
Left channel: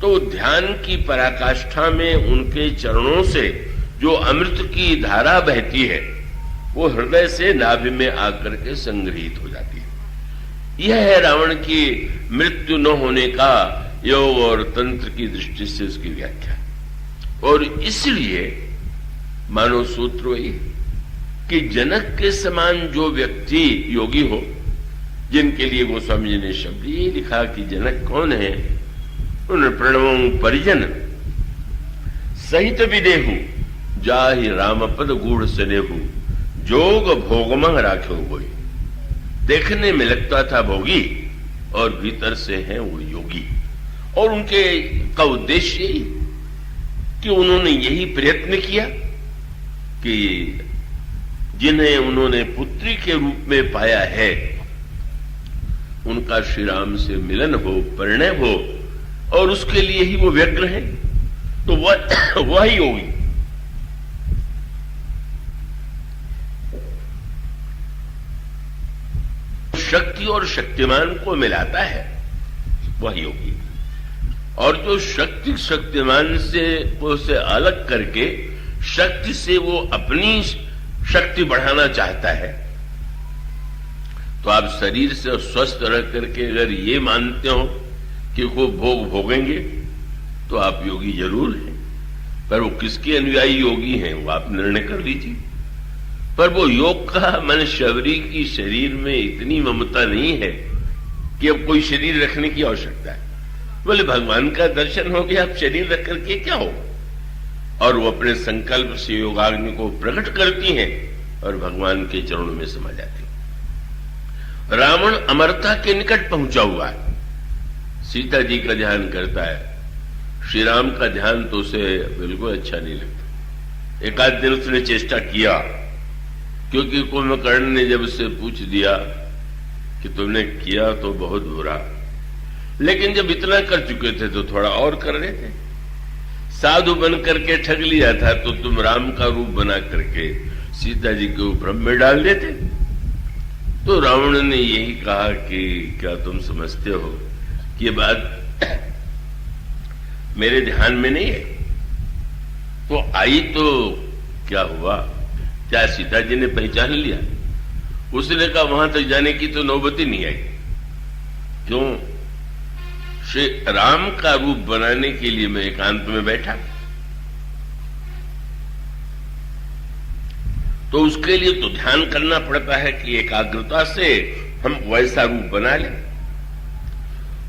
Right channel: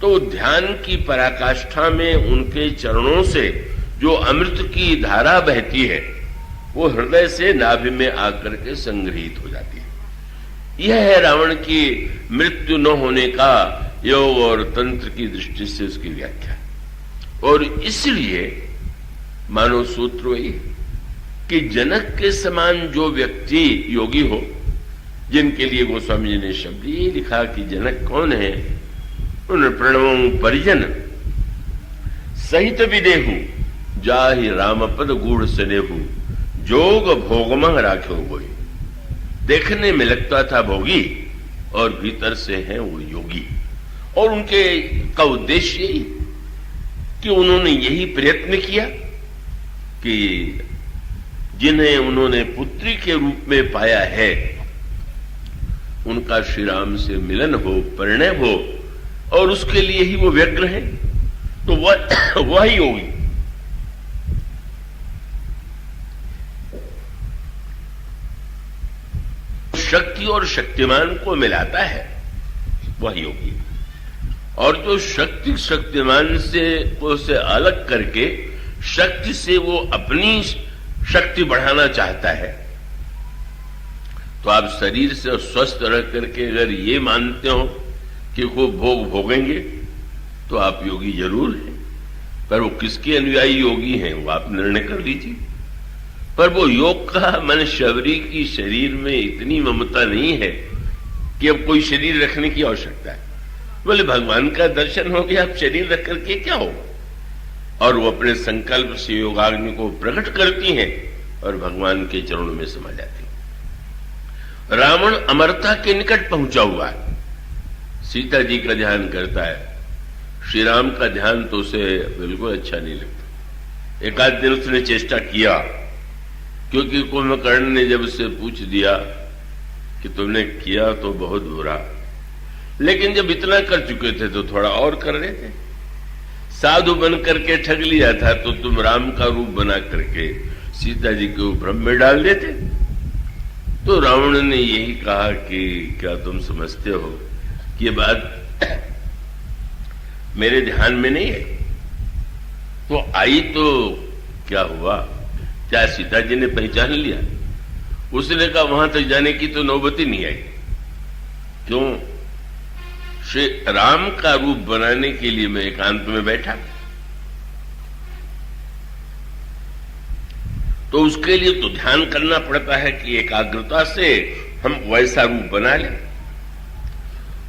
तो ध्यान की पराकाष्ठा में उनके चरणों से जो अमृत की धारा बहती है वो हृदय से नाभि में आकर के संग्रहित हो जाती है। यह है रावण की मृत्यु न होने का योग और तंत्र की दृष्टि से उसकी व्याख्या। और इसलिए मानव सूत्र वही कि जनक के समान जो व्यक्ति योगी हो, जिनके लिए गोस्वामी जी ने शब्द ये लिखा कि जनक कौन है, उन प्रणवों परिजन सहित विदेहु जाहि रामपद गूढ़ सनेहु जोग भोगमह राखे हुए। देखने में लगता था भोगी और भीतर से है वो योगी। और उनके का उद्देश्य यही कि उन्होंने यही प्रयत्न किया कि जिन्हें उन्होंने पुत्री के रूप में पाया है उनका श्री राम से मिलन हो, परिणय हो, और उसके लिए ही वो व्यग्र है। तो वह योगी शक्ति और शक्तिमान को मिलाता है, वह योगी। और जो शक्ति शक्तिमान से अलग करके शक्ति से वो अपनी शक्ति बढ़ाना चाहता है, तो आप शरीर से स्वस्थ रह करके अगर ये मानते हो कि वो भोग भोगेंगे तो आप योगी जरूर हैं, पर वो किसके अनुयायी योगी हैं वो आप निर्णय कर लीजिए। पर वो योग का मन शबरी की शरीर में इतनी ममता नहीं है कि अब कोई शरीर रखने की आवश्यकता है। बोले भगवान का दर्शन हो गया, आप शरीर रख करके क्या हो। और वो अपने संकल्प से योगाग्नि को प्रकट करती हैं और भगवान के चरणों में समा जाती हैं। रावण अमरता के निकट पहुंचा हुआ है, सीता जी का ध्यान करता है, श्री राम का ध्यान तो उसे बिल्कुल अच्छा नहीं लगता। एक आध दिन उसने चेष्टा किया, क्योंकि कुंभकर्ण ने जब उससे पूछ दिया कि तुमने किया तो बहुत बुरा, लेकिन जब इतना कर चुके थे तो थोड़ा और कर रहे थे। साधु बन करके ठग लिया था तो तुम राम का रूप बना करके सीता जी को भ्रम में डाल देते। तो रावण ने यही कहा कि क्या तुम समझते हो कि ये बात मेरे ध्यान में नहीं है। तो आई तो क्या हुआ, क्या सीता जी ने पहचान लिया? उसने कहा वहां तक जाने की तो नौबत ही नहीं आई। क्यों? श्री राम का रूप बनाने के लिए मैं एकांत में बैठा, तो उसके लिए तो ध्यान करना पड़ता है कि एकाग्रता से हम वैसा रूप बना लें।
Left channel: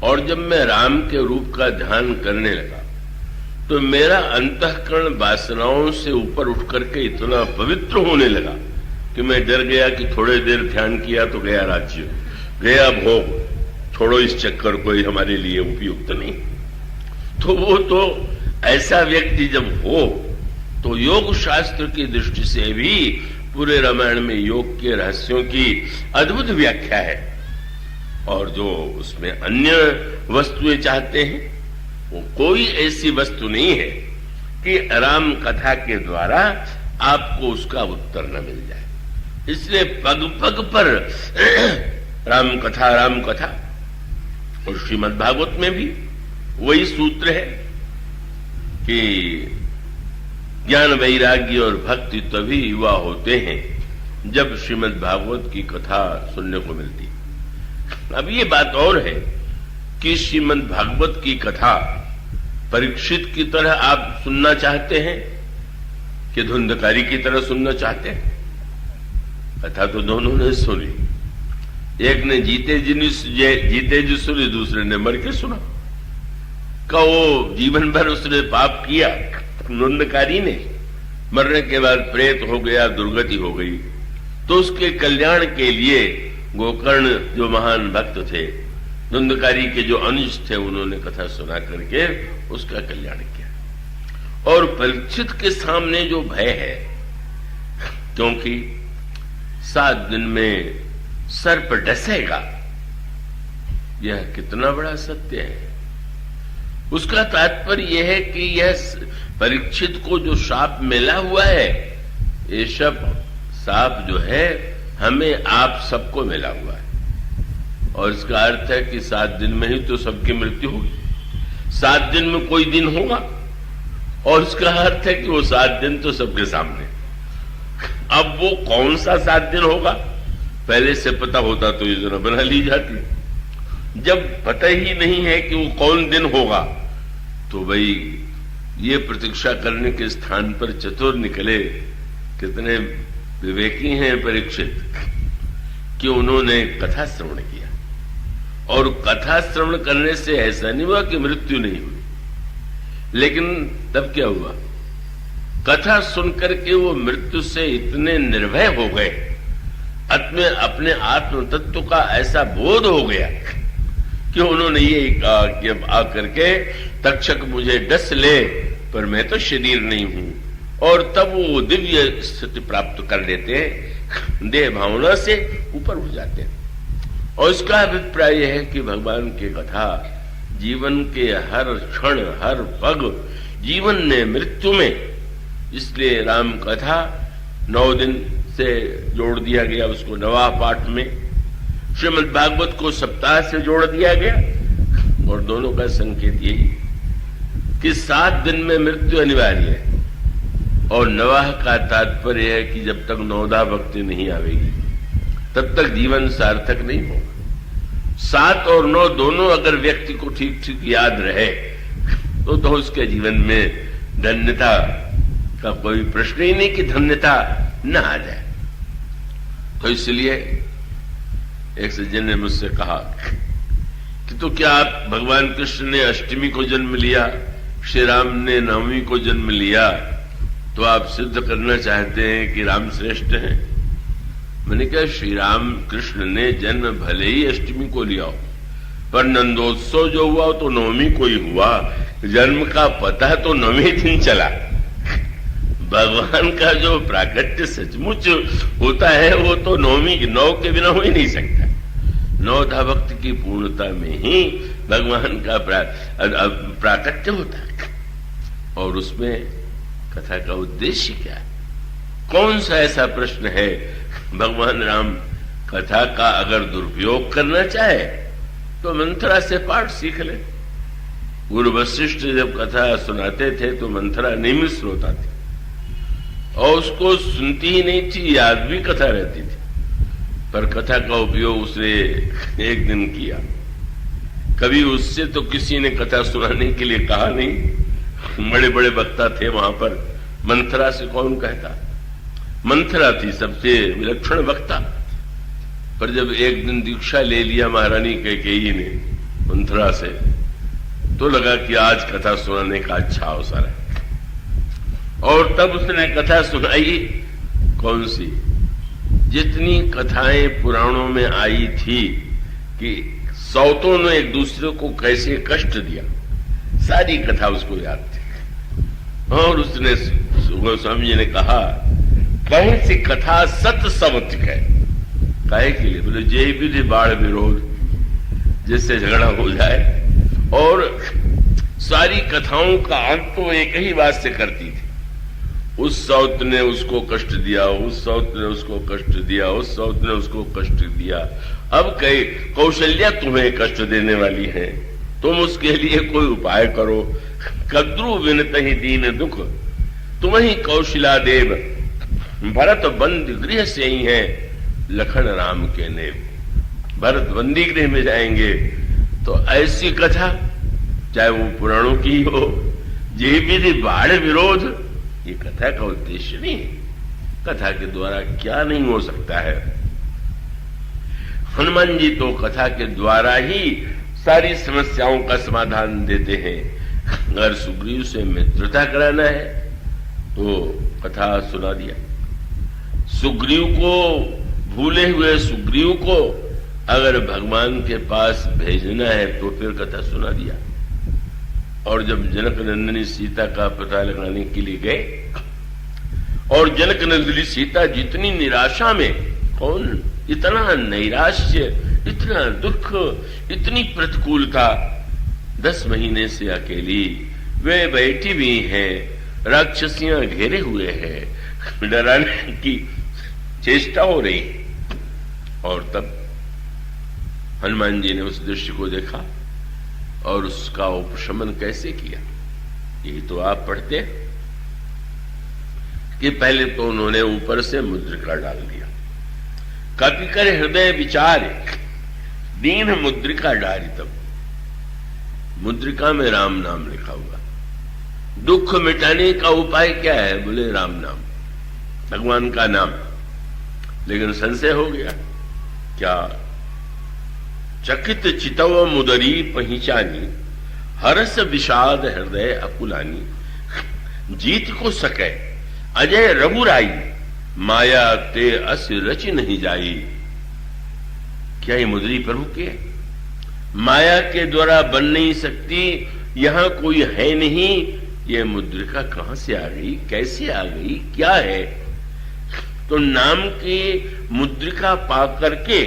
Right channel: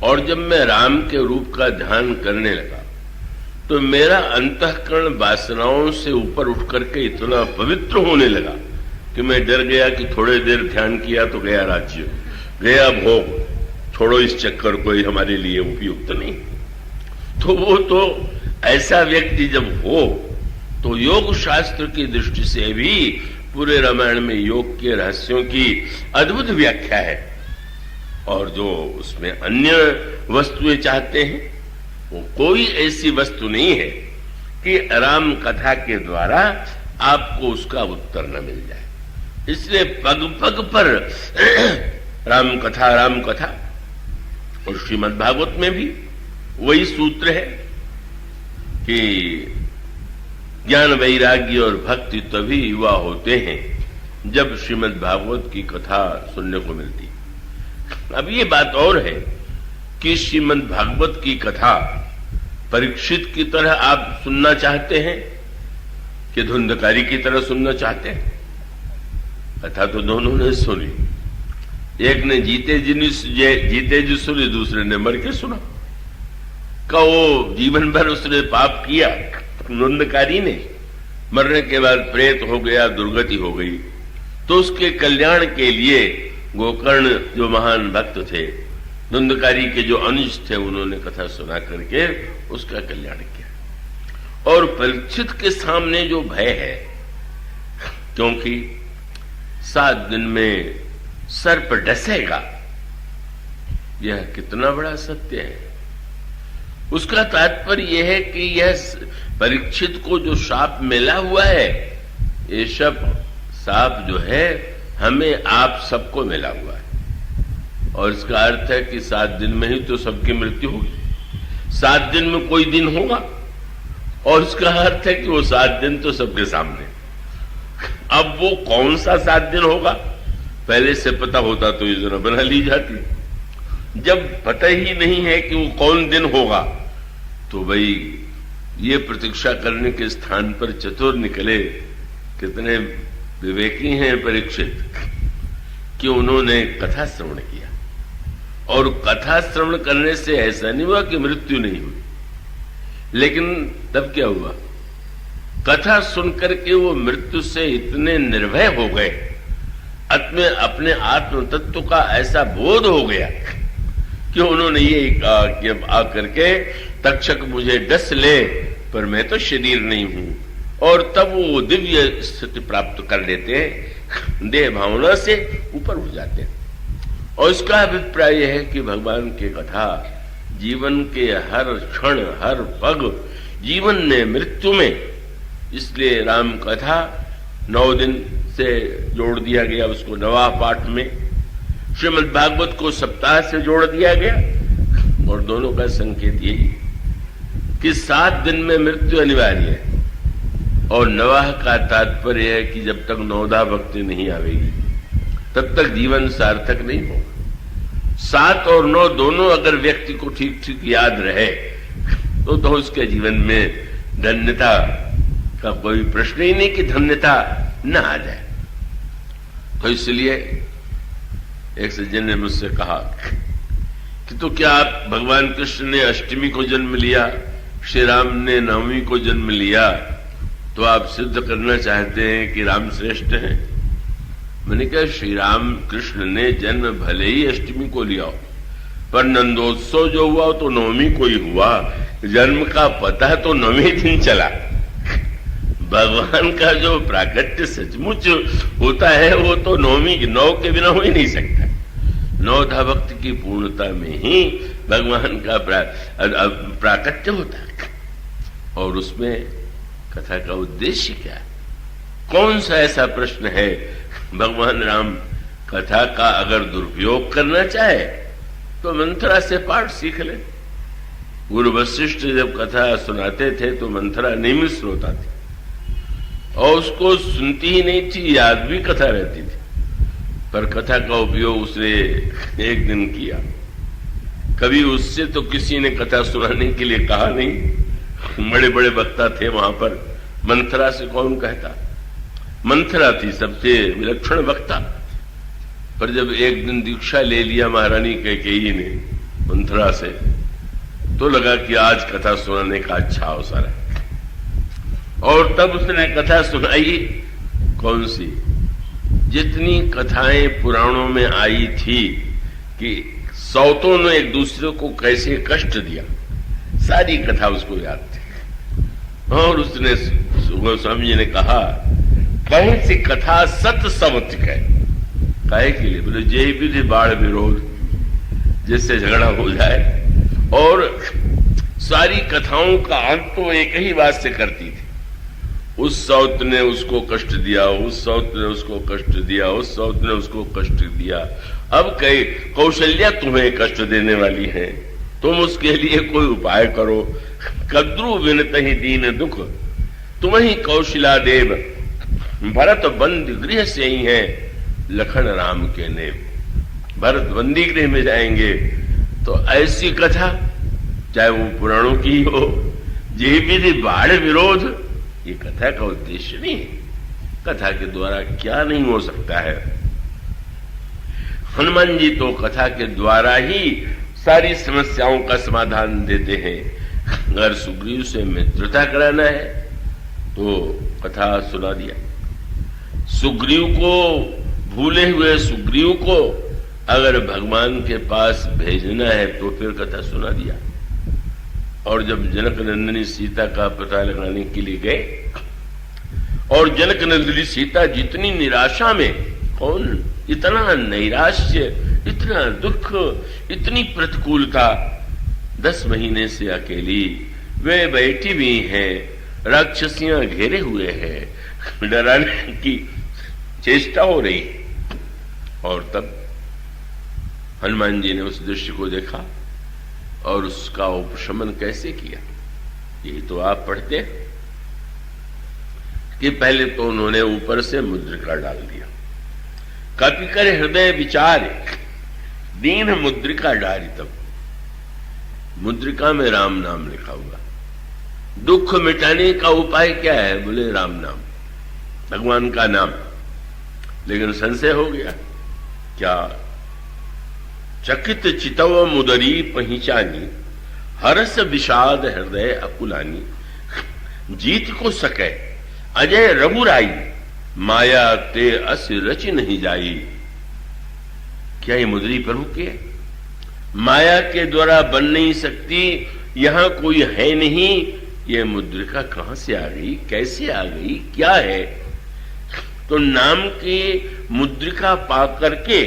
और जब मैं राम के रूप का ध्यान करने लगा तो मेरा अंतःकरण वासनाओं से ऊपर उठ करके इतना पवित्र होने लगा कि मैं डर गया कि थोड़ी देर ध्यान किया तो गया राज्य, गया भोग, छोड़ो इस चक्कर को, हमारे लिए उपयुक्त नहीं। तो वो तो ऐसा व्यक्ति जब हो तो योग शास्त्र की दृष्टि से भी पूरे रामायण में योग के रहस्यों की अद्भुत व्याख्या है। और जो उसमें अन्य वस्तुएं चाहते हैं वो कोई ऐसी वस्तु नहीं है कि राम कथा के द्वारा आपको उसका उत्तर न मिल जाए। इसलिए पग पग पर राम कथा। और श्रीमद् भागवत में भी वही सूत्र है कि ज्ञान वैराग्य और भक्ति तभी युवा होते हैं जब श्रीमद् भागवत की कथा सुनने को मिलती है। अब ये बात और है कि श्रीमद् भागवत की कथा परीक्षित की तरह आप सुनना चाहते हैं कि धुंधकारी की तरह सुनना चाहते हैं? कथा तो दोनों ने सुनी, एक ने जीते जी सुनी, दूसरे ने मर के सुना। का वो जीवन भर उसने पाप किया, धुंधकारी ने मरने के बाद प्रेत हो गया, दुर्गति हो गई, तो उसके कल्याण के लिए गोकर्ण जो महान भक्त थे, धुंधकारी के जो अनुज थे, उन्होंने कथा सुना करके उसका कल्याण किया। और परीक्षित के सामने जो भय है, क्योंकि 7 दिन में सर्प डसेगा, यह कितना बड़ा सत्य है। उसका तात्पर्य यह है कि यह परीक्षित को जो शाप मिला हुआ है, ये शाप जो है हमें आप सबको मिला हुआ है। और इसका अर्थ है कि 7 दिन में ही तो सबकी मृत्यु होगी, 7 दिन में कोई दिन होगा, और इसका अर्थ है कि वो 7 दिन तो सबके सामने। अब वो कौन सा 7 दिन होगा, पहले से पता होता तो योजना बना ली जाती। जब पता ही नहीं है कि वो कौन दिन होगा, तो भाई ये प्रतीक्षा करने के स्थान पर चतुर निकले। कितने विवेकी हैं परीक्षित कि उन्होंने कथा श्रवण किया। और कथा श्रवण करने से ऐसा नहीं हुआ कि मृत्यु नहीं हुई, लेकिन तब क्या हुआ, कथा सुनकर के वो मृत्यु से इतने निर्भय हो गए, अपने आत्म तत्व का ऐसा बोध हो गया कि उन्होंने ये कहा कि अब आकर के तक्षक मुझे डस ले, पर मैं तो शरीर नहीं हूं। और तब वो दिव्य स्थिति प्राप्त कर लेते हैं, देह भावना से ऊपर हो जाते हैं। और इसका अभिप्राय यह है कि भगवान की कथा जीवन के हर क्षण, हर पग, जीवन में, मृत्यु में, इसलिए राम कथा 9 दिन से जोड़ दिया गया, उसको नवा पाठ में। श्रीमद् भागवत को सप्ताह से जोड़ दिया गया, और दोनों का संकेत यही कि 7 दिन में मृत्यु अनिवार्य है। और नवाह का तात्पर्य है कि जब तक नवधा भक्ति नहीं आवेगी तब तक जीवन सार्थक नहीं होगा। 7 और 9 दोनों अगर व्यक्ति को ठीक ठीक याद रहे तो उसके जीवन में धन्यता का कोई प्रश्न ही नहीं कि धन्यता न आ जाए। तो इसलिए एक सज्जन ने मुझसे कहा कि तो क्या आप, भगवान कृष्ण ने अष्टमी को जन्म लिया, श्री राम ने 9वीं को जन्म लिया, तो आप सिद्ध करना चाहते हैं कि राम श्रेष्ठ हैं? मैंने कहा श्री राम कृष्ण ने जन्म भले ही अष्टमी को लिया हो, पर नंदोत्सव जो हुआ तो 9वीं को ही हुआ, जन्म का पता तो 9वें दिन चला। भगवान का जो प्राकट्य सचमुच होता है वो तो 9 के बिना हो ही नहीं सकता। 9धा भक्ति की पूर्णता में ही भगवान का प्राकट्य होता है। और उसमें कथा का उद्देश्य क्या है? कौन सा ऐसा प्रश्न है? भगवान राम कथा का अगर दुरुपयोग करना चाहे तो मंथरा से पाठ सीख ले। गुरु वशिष्ठ जब कथा सुनाते थे तो मंथरा नियमित श्रोता थी, और उसको सुनती ही नहीं थी, याद भी कथा रहती थी, पर कथा का उपयोग उसने 1 दिन किया। कभी उससे तो किसी ने कथा सुनाने के लिए कहा नहीं। बड़े बड़े वक्ता थे वहां पर, मंथरा से कौन कहता? मंथरा थी सबसे विलक्षण वक्ता। पर जब 1 दिन दीक्षा ले लिया महारानी कैकेयी ने मंथरा से, तो लगा कि आज कथा सुनाने का अच्छा अवसर है। और तब उसने कथा सुनाई। कौन सी? जितनी कथाएं पुराणों में आई थी कि सौतों ने एक दूसरे को कैसे कष्ट दिया, सारी कथा उसको याद थी। और उसने, गोस्वामी जी ने कहा, कहीं सी कथा सत सवत है। काहे के लिए? बोले जय विधि बाढ़ विरोध, जिससे झगड़ा हो जाए। और सारी कथाओं का अंत तो एक ही बात से करती थी, उस सौत ने उसको कष्ट दिया, उस सौत ने उसको कष्ट दिया, उस सौत ने उसको कष्ट दिया। अब कई कौशल्या तुम्हें कष्ट देने वाली है, तुम उसके लिए कोई उपाय करो। कद्रु विनत ही दीन दुख, तुम ही कौशला देव। भरत बंदी गृह से ही है, लखन राम के नेव। भरत बंदी गृह में जाएंगे तो ऐसी कथा, चाहे वो पुराणों की हो, ये विधि बाढ़ विरोध, ये कथा का उद्देश्य नहीं है। कथा के द्वारा क्या नहीं हो सकता है। हनुमान जी तो कथा के द्वारा ही सारी समस्याओं का समाधान देते हैं। अगर सुग्रीव से मित्रता कराना है तो कथा सुना दिया। सुग्रीव को, भूले हुए सुग्रीव को अगर भगवान के पास भेजना है तो फिर कथा सुना दिया। और जब जनक नंदिनी सीता का पता लगाने के लिए गए और जनक नंदिनी सीता जितनी निराशा में, कौन इतना नैराश्य, इतना दुख, इतनी प्रतिकूलता, 10 महीने से अकेली वे बैठी हुई हैं, राक्षसियां घेरे हुए हैं, डराने की चेष्टा हो रही। और तब हनुमान जी ने उस दृश्य को देखा और उसका उपशमन कैसे किया, यही तो आप पढ़ते कि पहले तो उन्होंने ऊपर से मुद्रिका डाल दिया। कपि कर हृदय विचार दीन मुद्रिका डाली। तब मुद्रिका में राम नाम लिखा हुआ। दुख मिटाने का उपाय क्या है? बोले राम नाम, भगवान का नाम। लेकिन संशय हो गया क्या? चकित चितव मुदरी पहचानी, हरस विषाद हृदय अकुलानी। जीत को सके अजय रघुराई, माया ते अस रचि नहीं जाई। क्या ये मुदरी प्रभु के? माया के द्वारा बन नहीं सकती, यहां कोई है नहीं। ये मुद्रिका कहां से आ गई, कैसे आ गई, क्या है? तो नाम की मुद्रिका पा करके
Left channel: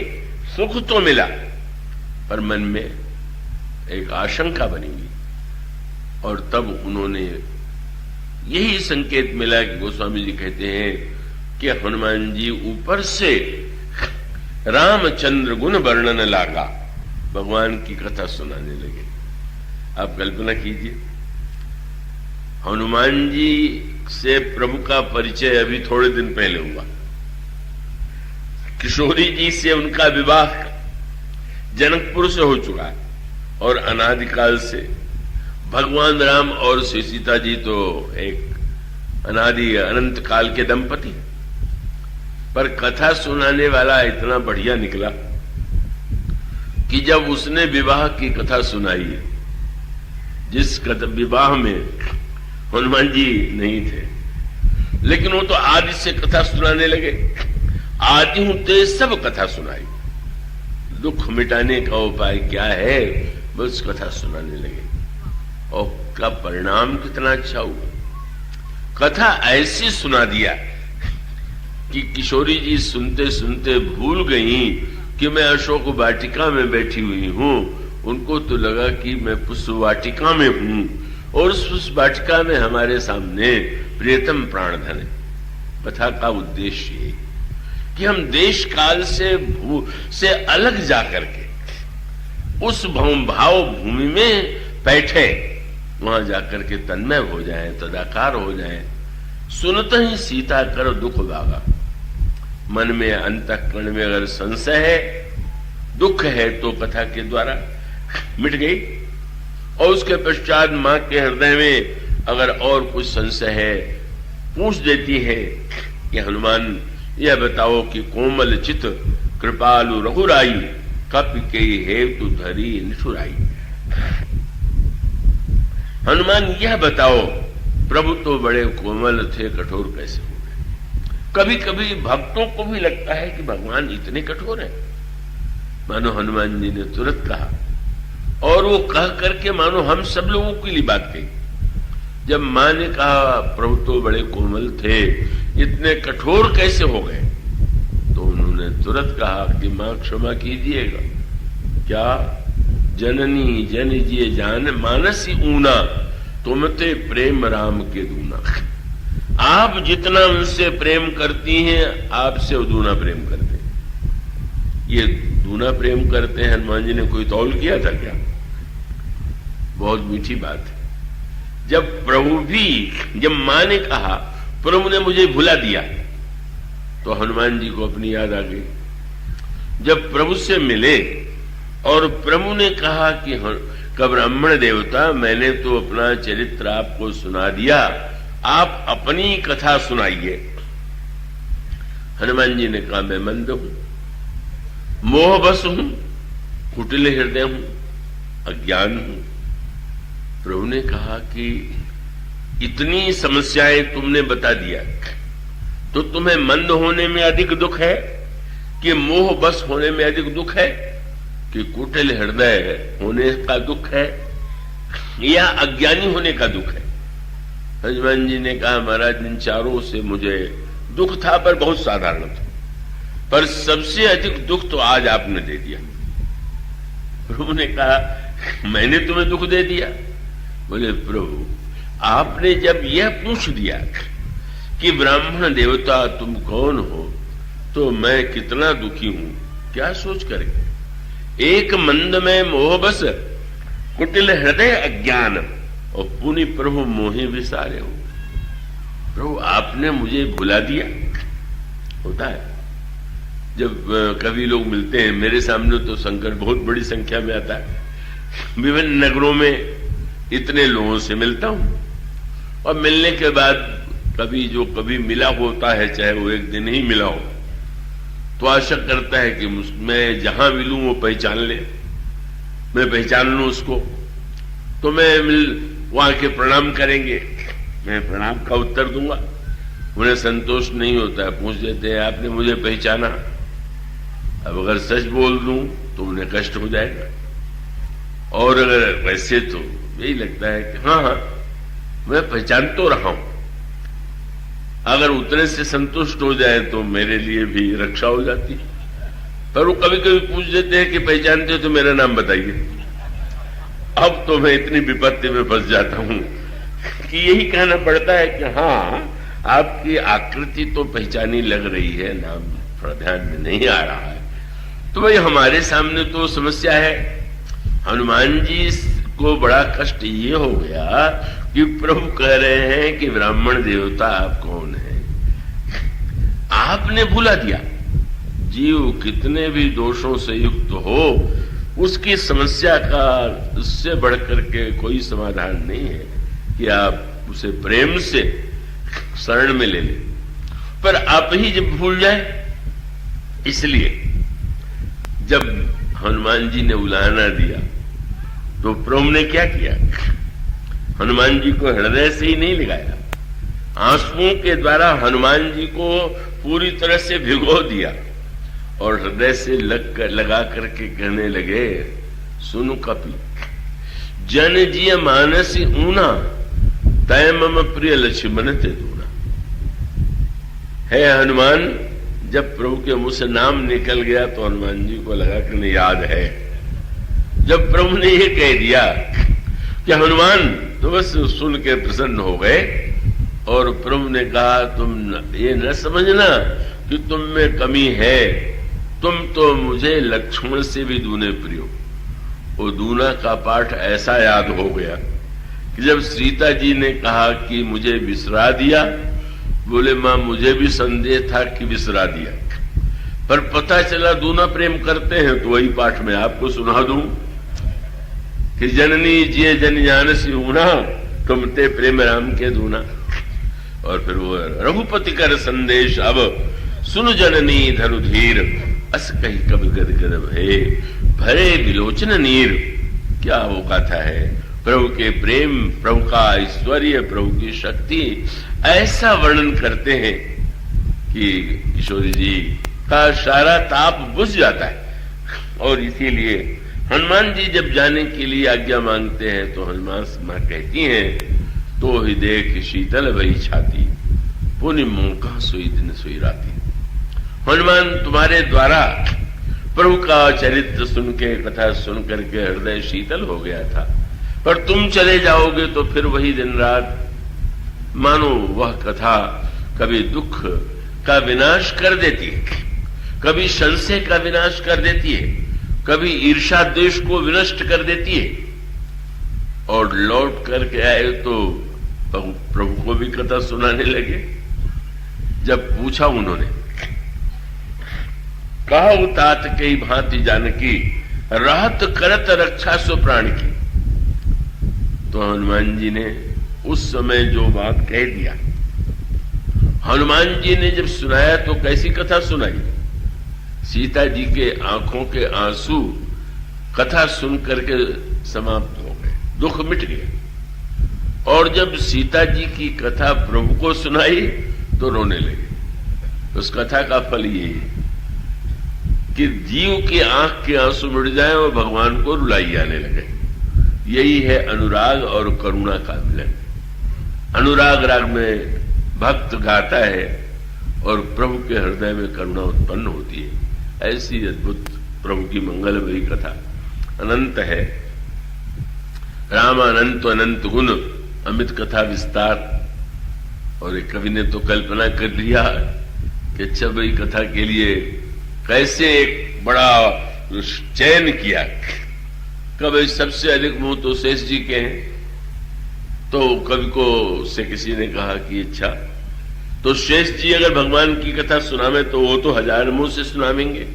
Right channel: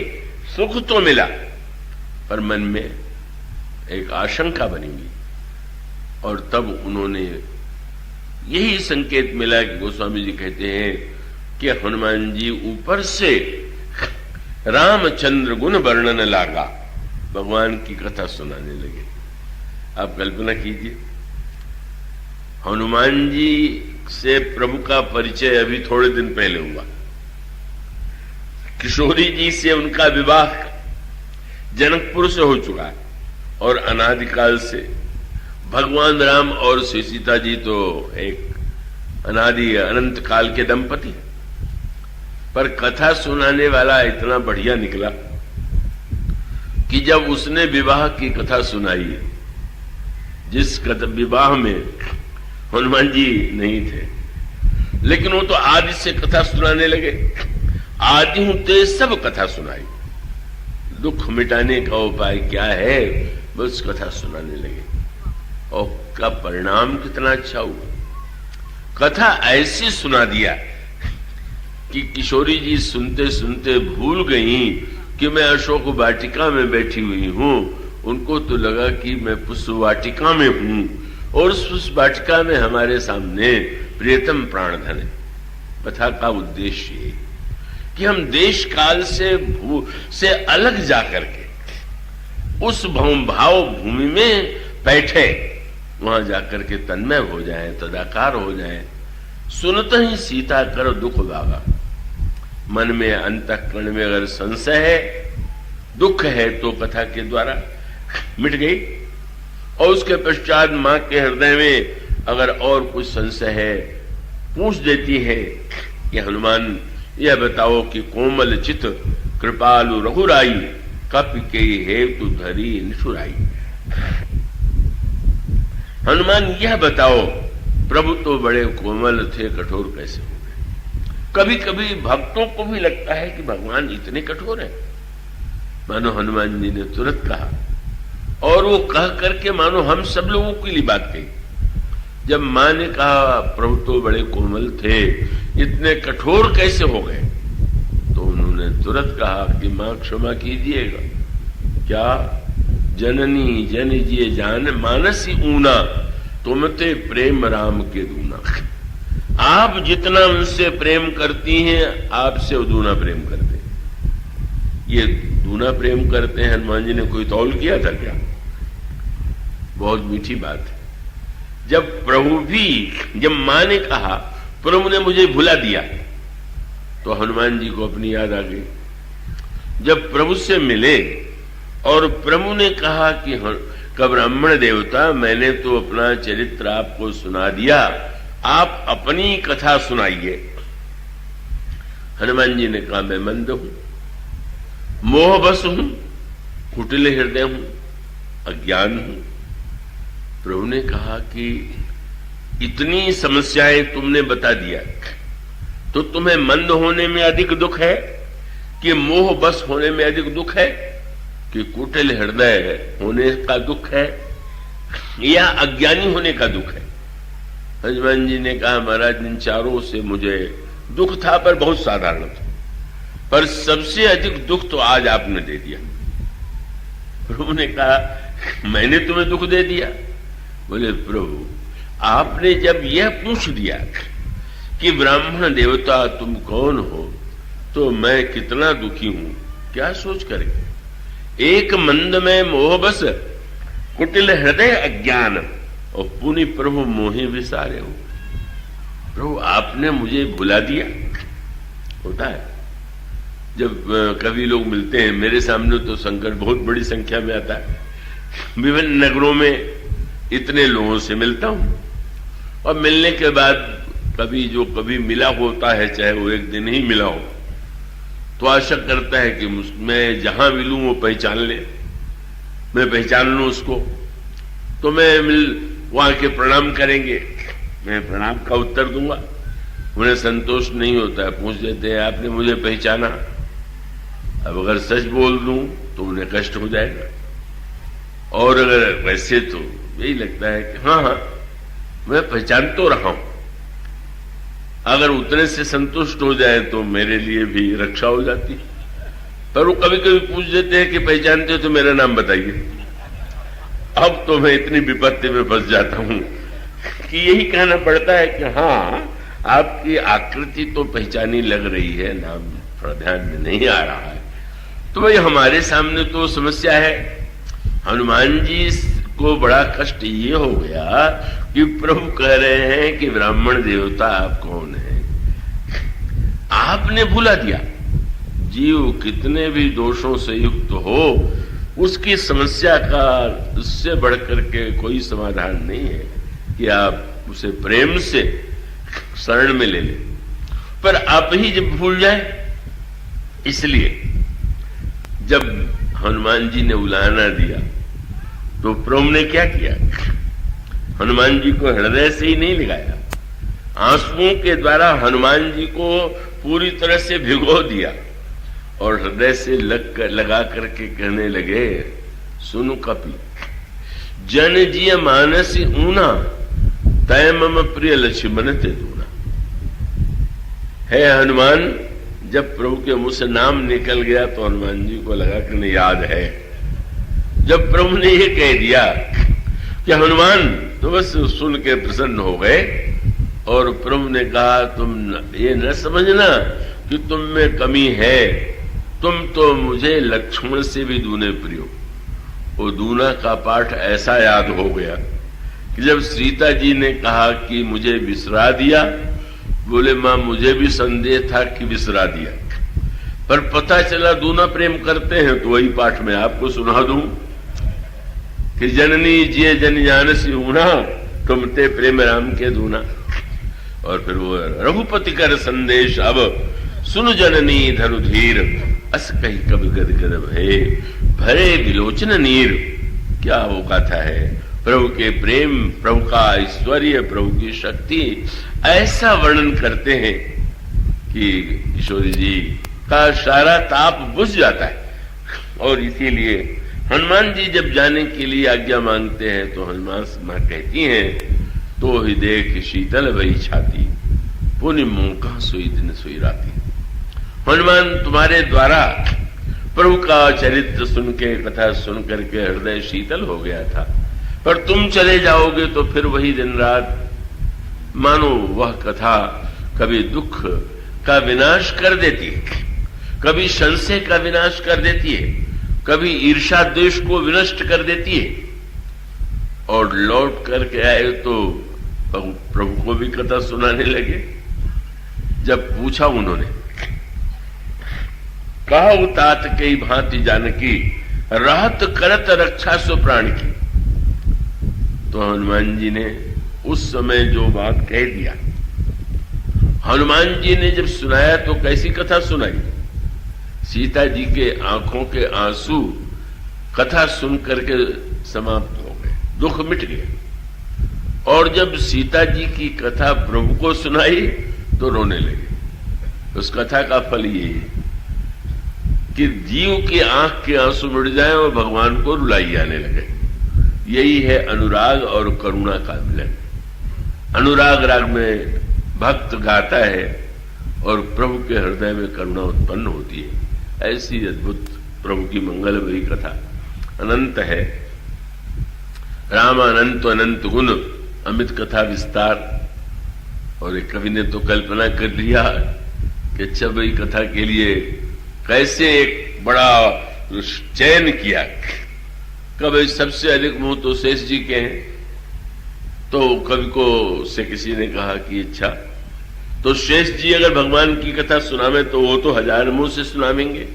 सुख तो मिला, पर मन में एक आशंका बनेगी। और तब उन्होंने यही संकेत मिला कि गोस्वामी जी कहते हैं कि हनुमान जी ऊपर से रामचंद्र गुण वर्णन लागा, भगवान की कथा सुनाने लगे। आप कल्पना कीजिए, हनुमान जी से प्रभु का परिचय अभी थोड़े दिन पहले हुआ। किशोरी जी से उनका विवाह जनकपुर से हो चुका और अनादिकाल से भगवान राम और श्री सीता जी तो एक अनादि अनंत काल के दंपति। पर कथा सुनाने वाला इतना बढ़िया निकला कि जब उसने विवाह की कथा सुनाई, जिस विवाह में हनुमान जी नहीं थे, लेकिन वो तो आदि से कथा सुनाने लगे। आदि ते सब कथा सुनाई, दुख मिटाने का उपाय क्या है, बस कथा सुनाने लगे। और का परिणाम कितना अच्छा हुआ। कथा ऐसी सुना दिया कि किशोरी जी सुनते सुनते भूल गई कि मैं अशोक वाटिका में बैठी हुई हूं। उनको तो लगा कि मैं पुष्प वाटिका में हूं और उस पुष्प वाटिका में हमारे सामने प्रियतम प्राणधन है। कथा का उद्देश्य है कि हम देश काल से अलग जाकर के उस भाव भूमि में बैठे, वहां जाकर के तन्मय हो जाए, तदाकार हो जाए। सुनते ही सीता कर दुख गावा। मन में, अंतःकरण में अगर संशय है, दुख है, तो कथा के द्वारा मिट गई। और उसके पश्चात मां के हृदय में अगर और कुछ संशय है, पूछ देती है कि हनुमान यह बताओ कि कोमल चित कृपालु रघुराई, कपि के हेतु धरी निछुराई। हनुमान यह बताओ, प्रभु तो बड़े कोमल थे, कठोर कैसे हो? कभी कभी भक्तों को भी लगता है कि भगवान इतने कठोर हैं। मानो हनुमान जी ने तुरंत कहा, और वो कह करके मानो हम सब लोगों के लिए बात कही। जब मां ने कहा प्रभु तो बड़े कोमल थे, इतने कठोर कैसे हो गए, तो उन्होंने तुरंत कहा कि मां क्षमा कीजिएगा। क्या? जननी जन जिए जान, मानसी ऊना, तुम ते प्रेम राम के दूना। आप जितना उनसे प्रेम करती हैं, आपसे वो दूना प्रेम करते हैं। ये दूना प्रेम करते हैं, हनुमान जी ने कोई तौल किया था क्या? बहुत मीठी बात है। जब प्रभु भी, जब मां ने कहा प्रभु ने मुझे भुला दिया, तो हनुमान जी को अपनी याद आ गई। जब प्रभु से मिले और प्रभु ने कहा कि ब्राह्मण देवता, मैंने तो अपना चरित्र आपको सुना दिया, आप अपनी कथा सुनाइए। हनुमान जी ने कहा मैं मंद हूं, मोहबस हूं, कुटिल हृदय हूं, अज्ञान हूं। प्रभु ने कहा कि इतनी समस्याएं तुमने बता दिया, तो तुम्हें मंद होने में अधिक दुख है कि मोह बस होने में अधिक दुख है कि कुटिल हृदय होने का दुख है या अज्ञानी होने का दुख है? हनुमान जी ने कहा महाराज, इन चारों से मुझे दुख था पर बहुत साधारण था, पर सबसे अधिक दुख तो आज आपने दे दिया। प्रभु ने कहा मैंने तुम्हें दुख दे दिया? बोले प्रभु, आपने जब यह पूछ दिया कि ब्राह्मण देवता तुम कौन हो, तो मैं कितना दुखी हूं, क्या सोच करके? एक मंद में मोह बस, कुटिल हृदय अज्ञान, और पुनि प्रभु मोहि विसारे हो। प्रभु आपने मुझे भुला दिया। होता है जब कभी लोग मिलते हैं, मेरे सामने तो संकट बहुत बड़ी संख्या में आता है, विभिन्न नगरों में इतने लोगों से मिलता हूं, और मिलने के बाद कभी मिला होता है, चाहे वो एक दिन ही मिला हो, तो आशा करता है कि मैं जहां मिलूं वो पहचान ले, मैं पहचान लूं उसको, तो मैं वहां के प्रणाम करेंगे, मैं प्रणाम का उत्तर दूंगा। उन्हें संतोष नहीं होता, पूछ लेते हैं आपने मुझे पहचाना? अब अगर सच बोल दूं तो उन्हें कष्ट हो जाएगा, और अगर वैसे तो यही लगता है कि हाँ मैं पहचान तो रहा हूं। अगर उतने से संतुष्ट हो जाए तो मेरे लिए भी रक्षा हो जाती। पर वो कभी कभी पूछ देते हैं कि पहचानते हो तो मेरा नाम बताइए। अब तो मैं इतनी विपत्ति में फंस जाता हूं कि यही कहना पड़ता है कि हाँ, आपकी आकृति तो पहचानी लग रही है, नाम थोड़ा ध्यान में नहीं आ रहा है। तो भाई हमारे सामने तो समस्या है। हनुमान जी को बड़ा कष्ट ये हो गया कि प्रभु कह रहे हैं कि ब्राह्मण देवता आप कौन है, आपने भुला दिया। जीव कितने भी दोषों से युक्त हो, उसकी समस्या का उससे बढ़कर के कोई समाधान नहीं है कि आप उसे प्रेम से शरण में ले लें, पर आप ही जब भूल जाए। इसलिए जब हनुमान जी ने उलाहना दिया तो प्रभु ने क्या किया? हनुमान जी को हृदय से ही नहीं लगाया, आंसुओं के द्वारा हनुमान जी को पूरी तरह से भिगो दिया और हृदय से लगा करके कहने लगे, सुनु कपि जन जिय मानस ऊना, तय मम प्रिय लक्ष्मण ते दूना। है हनुमान, जब प्रभु के मुंह से नाम निकल गया तो हनुमान जी को लगा कि नहीं याद है। जब प्रभु ने ये कह दिया कि हनुमान, तो बस सुन के प्रसन्न हो गए, और प्रभु ने कहा तुम ये न समझना कि तुम में कमी है, तुम तो मुझे लक्ष्मण से भी दूने प्रिय हो। वो दूना का पाठ ऐसा याद हो गया कि जब सीता जी ने कहा कि मुझे बिसरा दिया, बोले मां मुझे भी संदेह था कि बिसरा दिया, पर पता चला दूना प्रेम करते हैं, तो वही पाठ मैं आपको सुना दूं कि जननी जिय जन जानसी ऊना, तुम ते प्रेम राम के दूना। और फिर वो रघुपति कर संदेश अब सुन जननी धरु धीर, अस कही कवि गद गद भय, भरे विलोचन नीर। क्या वो गाथा है? प्रभु के प्रेम, प्रभु का ऐश्वर्य, प्रभु की शक्ति ऐसा वर्णन करते हैं कि किशोरी जी का सारा ताप बुझ जाता है। और इसीलिए हनुमान जी जब जाने के लिए आज्ञा मांगते हैं तो हनुमान मां कहती हैं, तो ही देख शीतल भई छाती, पुनि मौका सोई दिन सोई राती। हनुमान तुम्हारे द्वारा प्रभु का चरित्र सुन के, कथा सुन करके हृदय शीतल हो गया था, पर तुम चले जाओगे तो फिर वही दिन रात मानो वह कथा कभी दुख का विनाश कर देती है, कभी संशय का विनाश कर देती है, कभी ईर्षा द्वेष को विनष्ट कर देती है। और लौट करके आए तो प्रभु को भी कथा सुनाने लगे। जब पूछा उन्होंने, कहा तात कई भांति जानकी, राहत करत रक्षा सो प्राण की। तो हनुमान जी ने उस समय जो बात कह दिया, हनुमान जी ने जब सुनाया तो कैसी कथा सुनाई। सीता जी के आंखों के आंसू कथा सुन करके समाप्त हो गए, दुख मिट गए। और जब सीता जी की कथा प्रभु को सुनाई तो रोने लगे। उस कथा का फल ये है कि जीव की आंख के आंसू मिट जाए और भगवान को रुलाई आने लगे। यही है अनुराग और करुणा का मिलन। अनुराग राग में भक्त गाता है और प्रभु के हृदय में करुणा उत्पन्न होती है। ऐसी अद्भुत प्रभु की मंगलमयी कथा अनंत है। राम अनंत अनंत गुण अमित कथा विस्तार। और एक कवि ने तो कल्पना कर लिया कि अच्छा भाई कथा के लिए कैसे एक बड़ा चयन किया। कभी सबसे अधिक मुंह तो शेष जी के हैं। तो कवि को से किसी ने कहा कि अच्छा तो शेष जी अगर भगवान की कथा सुनावे तो वो तो 1000 मुंह से सुनावेंगे।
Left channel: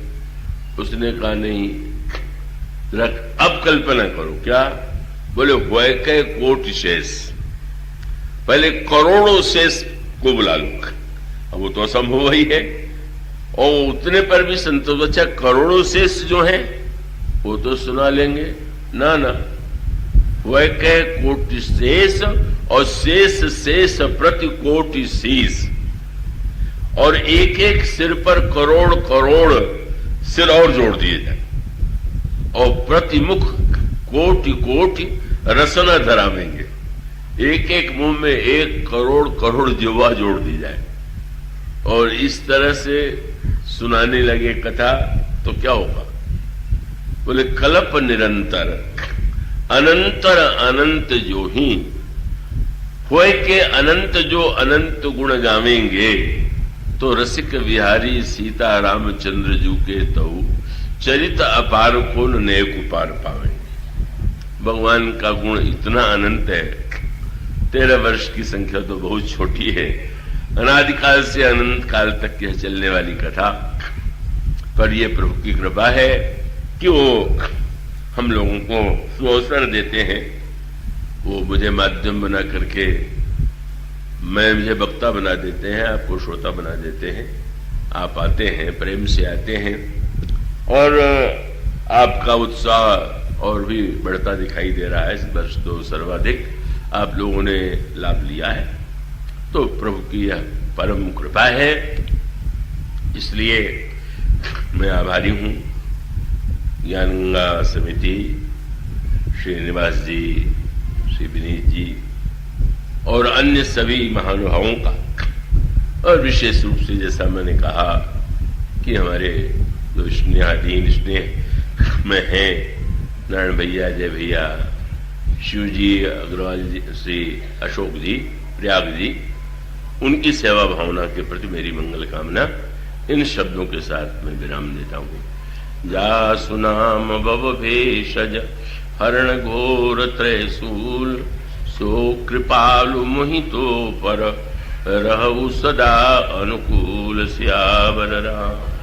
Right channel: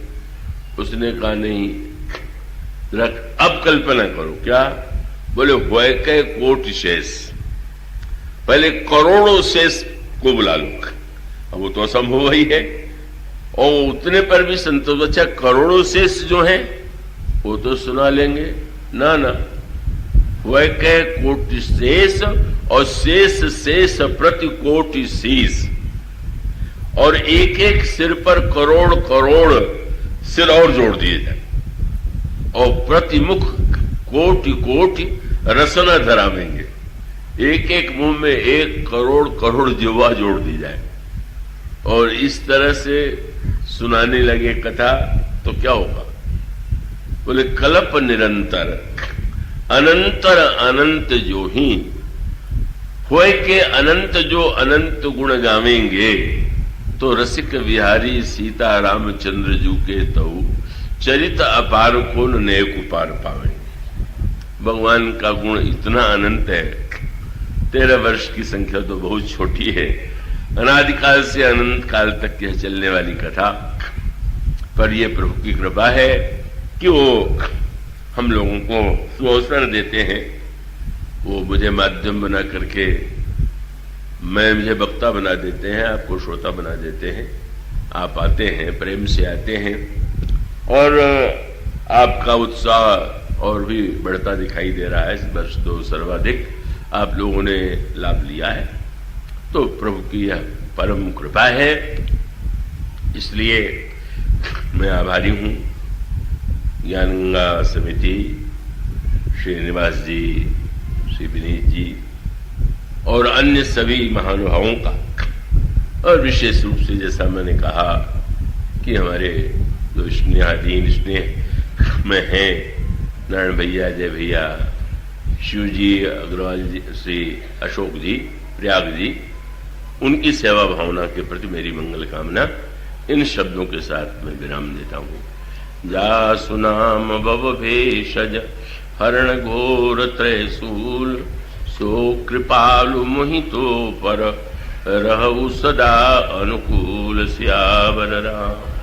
उसने कहा नहीं, अब कल्पना करो। क्या बोले? वैके कोटि शेष, पहले करोड़ों शेष को बुला लो। अब वो तो असंभव ही है। और उतने पर भी संतोष। अच्छा करोड़ों शेष जो हैं वो तो सुना लेंगे। ना ना, वैके कोटि शेष और शेष शेष प्रति कोटि शीश। और एक एक सिर पर करोड़ करोड़ सिर और जोड़ दिए जाए और प्रतिमुख कोटि कोटि रसना धरावेंगे। एक एक मुंह में 1 करोड़ करोड़ जिह्वा जोड़ दी जाए और इस तरह से सुनाने लगे कथा तो क्या होगा? बोले कल्प निरंतर अनंतर अनंत जो ही होए के अनंत जो अनंत गुण गावेंगे तो रसिक विहारी सीता रामचंद्र जू के तऊ चरित अपार को नेक उपार पावेंगे। भगवान का गुण इतना अनंत है। 13 वर्ष की संख्या तो बहुत छोटी है। अनादिकाल से अनंत काल तक यह चलने वाली कथा पर यह प्रभु की कृपा है कि वो हम लोगों को जो अवसर देते हैं वो मुझे माध्यम बना करके मुझे वक्ता बना देते हैं, आपको श्रोता बना देते हैं। आप आते हैं, प्रेम से आते हैं और आपका उत्साह और भी बढ़ता दिखाई दे रहा है। इस वर्ष तो सर्वाधिक आप लोगों ने लाभ लिया है। तो प्रभु की यह परम कृपा है, इसलिए मैं आभारी हूं। ज्ञानगंगा समिति, श्रीनिवास जी, श्री विनीत जी और अन्य सभी महानुभावों का, और विशेष रूप से जैसा मैंने कहा कि हमारे जो स्नेहाधीन स्नेह में हैं नारायण भैया, जय भैया, शिव जी अग्रवाल जी, श्री अशोक जी, प्रयाग जी, उनकी सेवा भावना के प्रति मेरी मंगल कामना। इन शब्दों के साथ मैं विराम देता हूं। जा सुनाम भव भेषज हरण घोर त्रैशूल, सो कृपालु मोहितो पर रहु सदा अनुकूल। सियावर राम।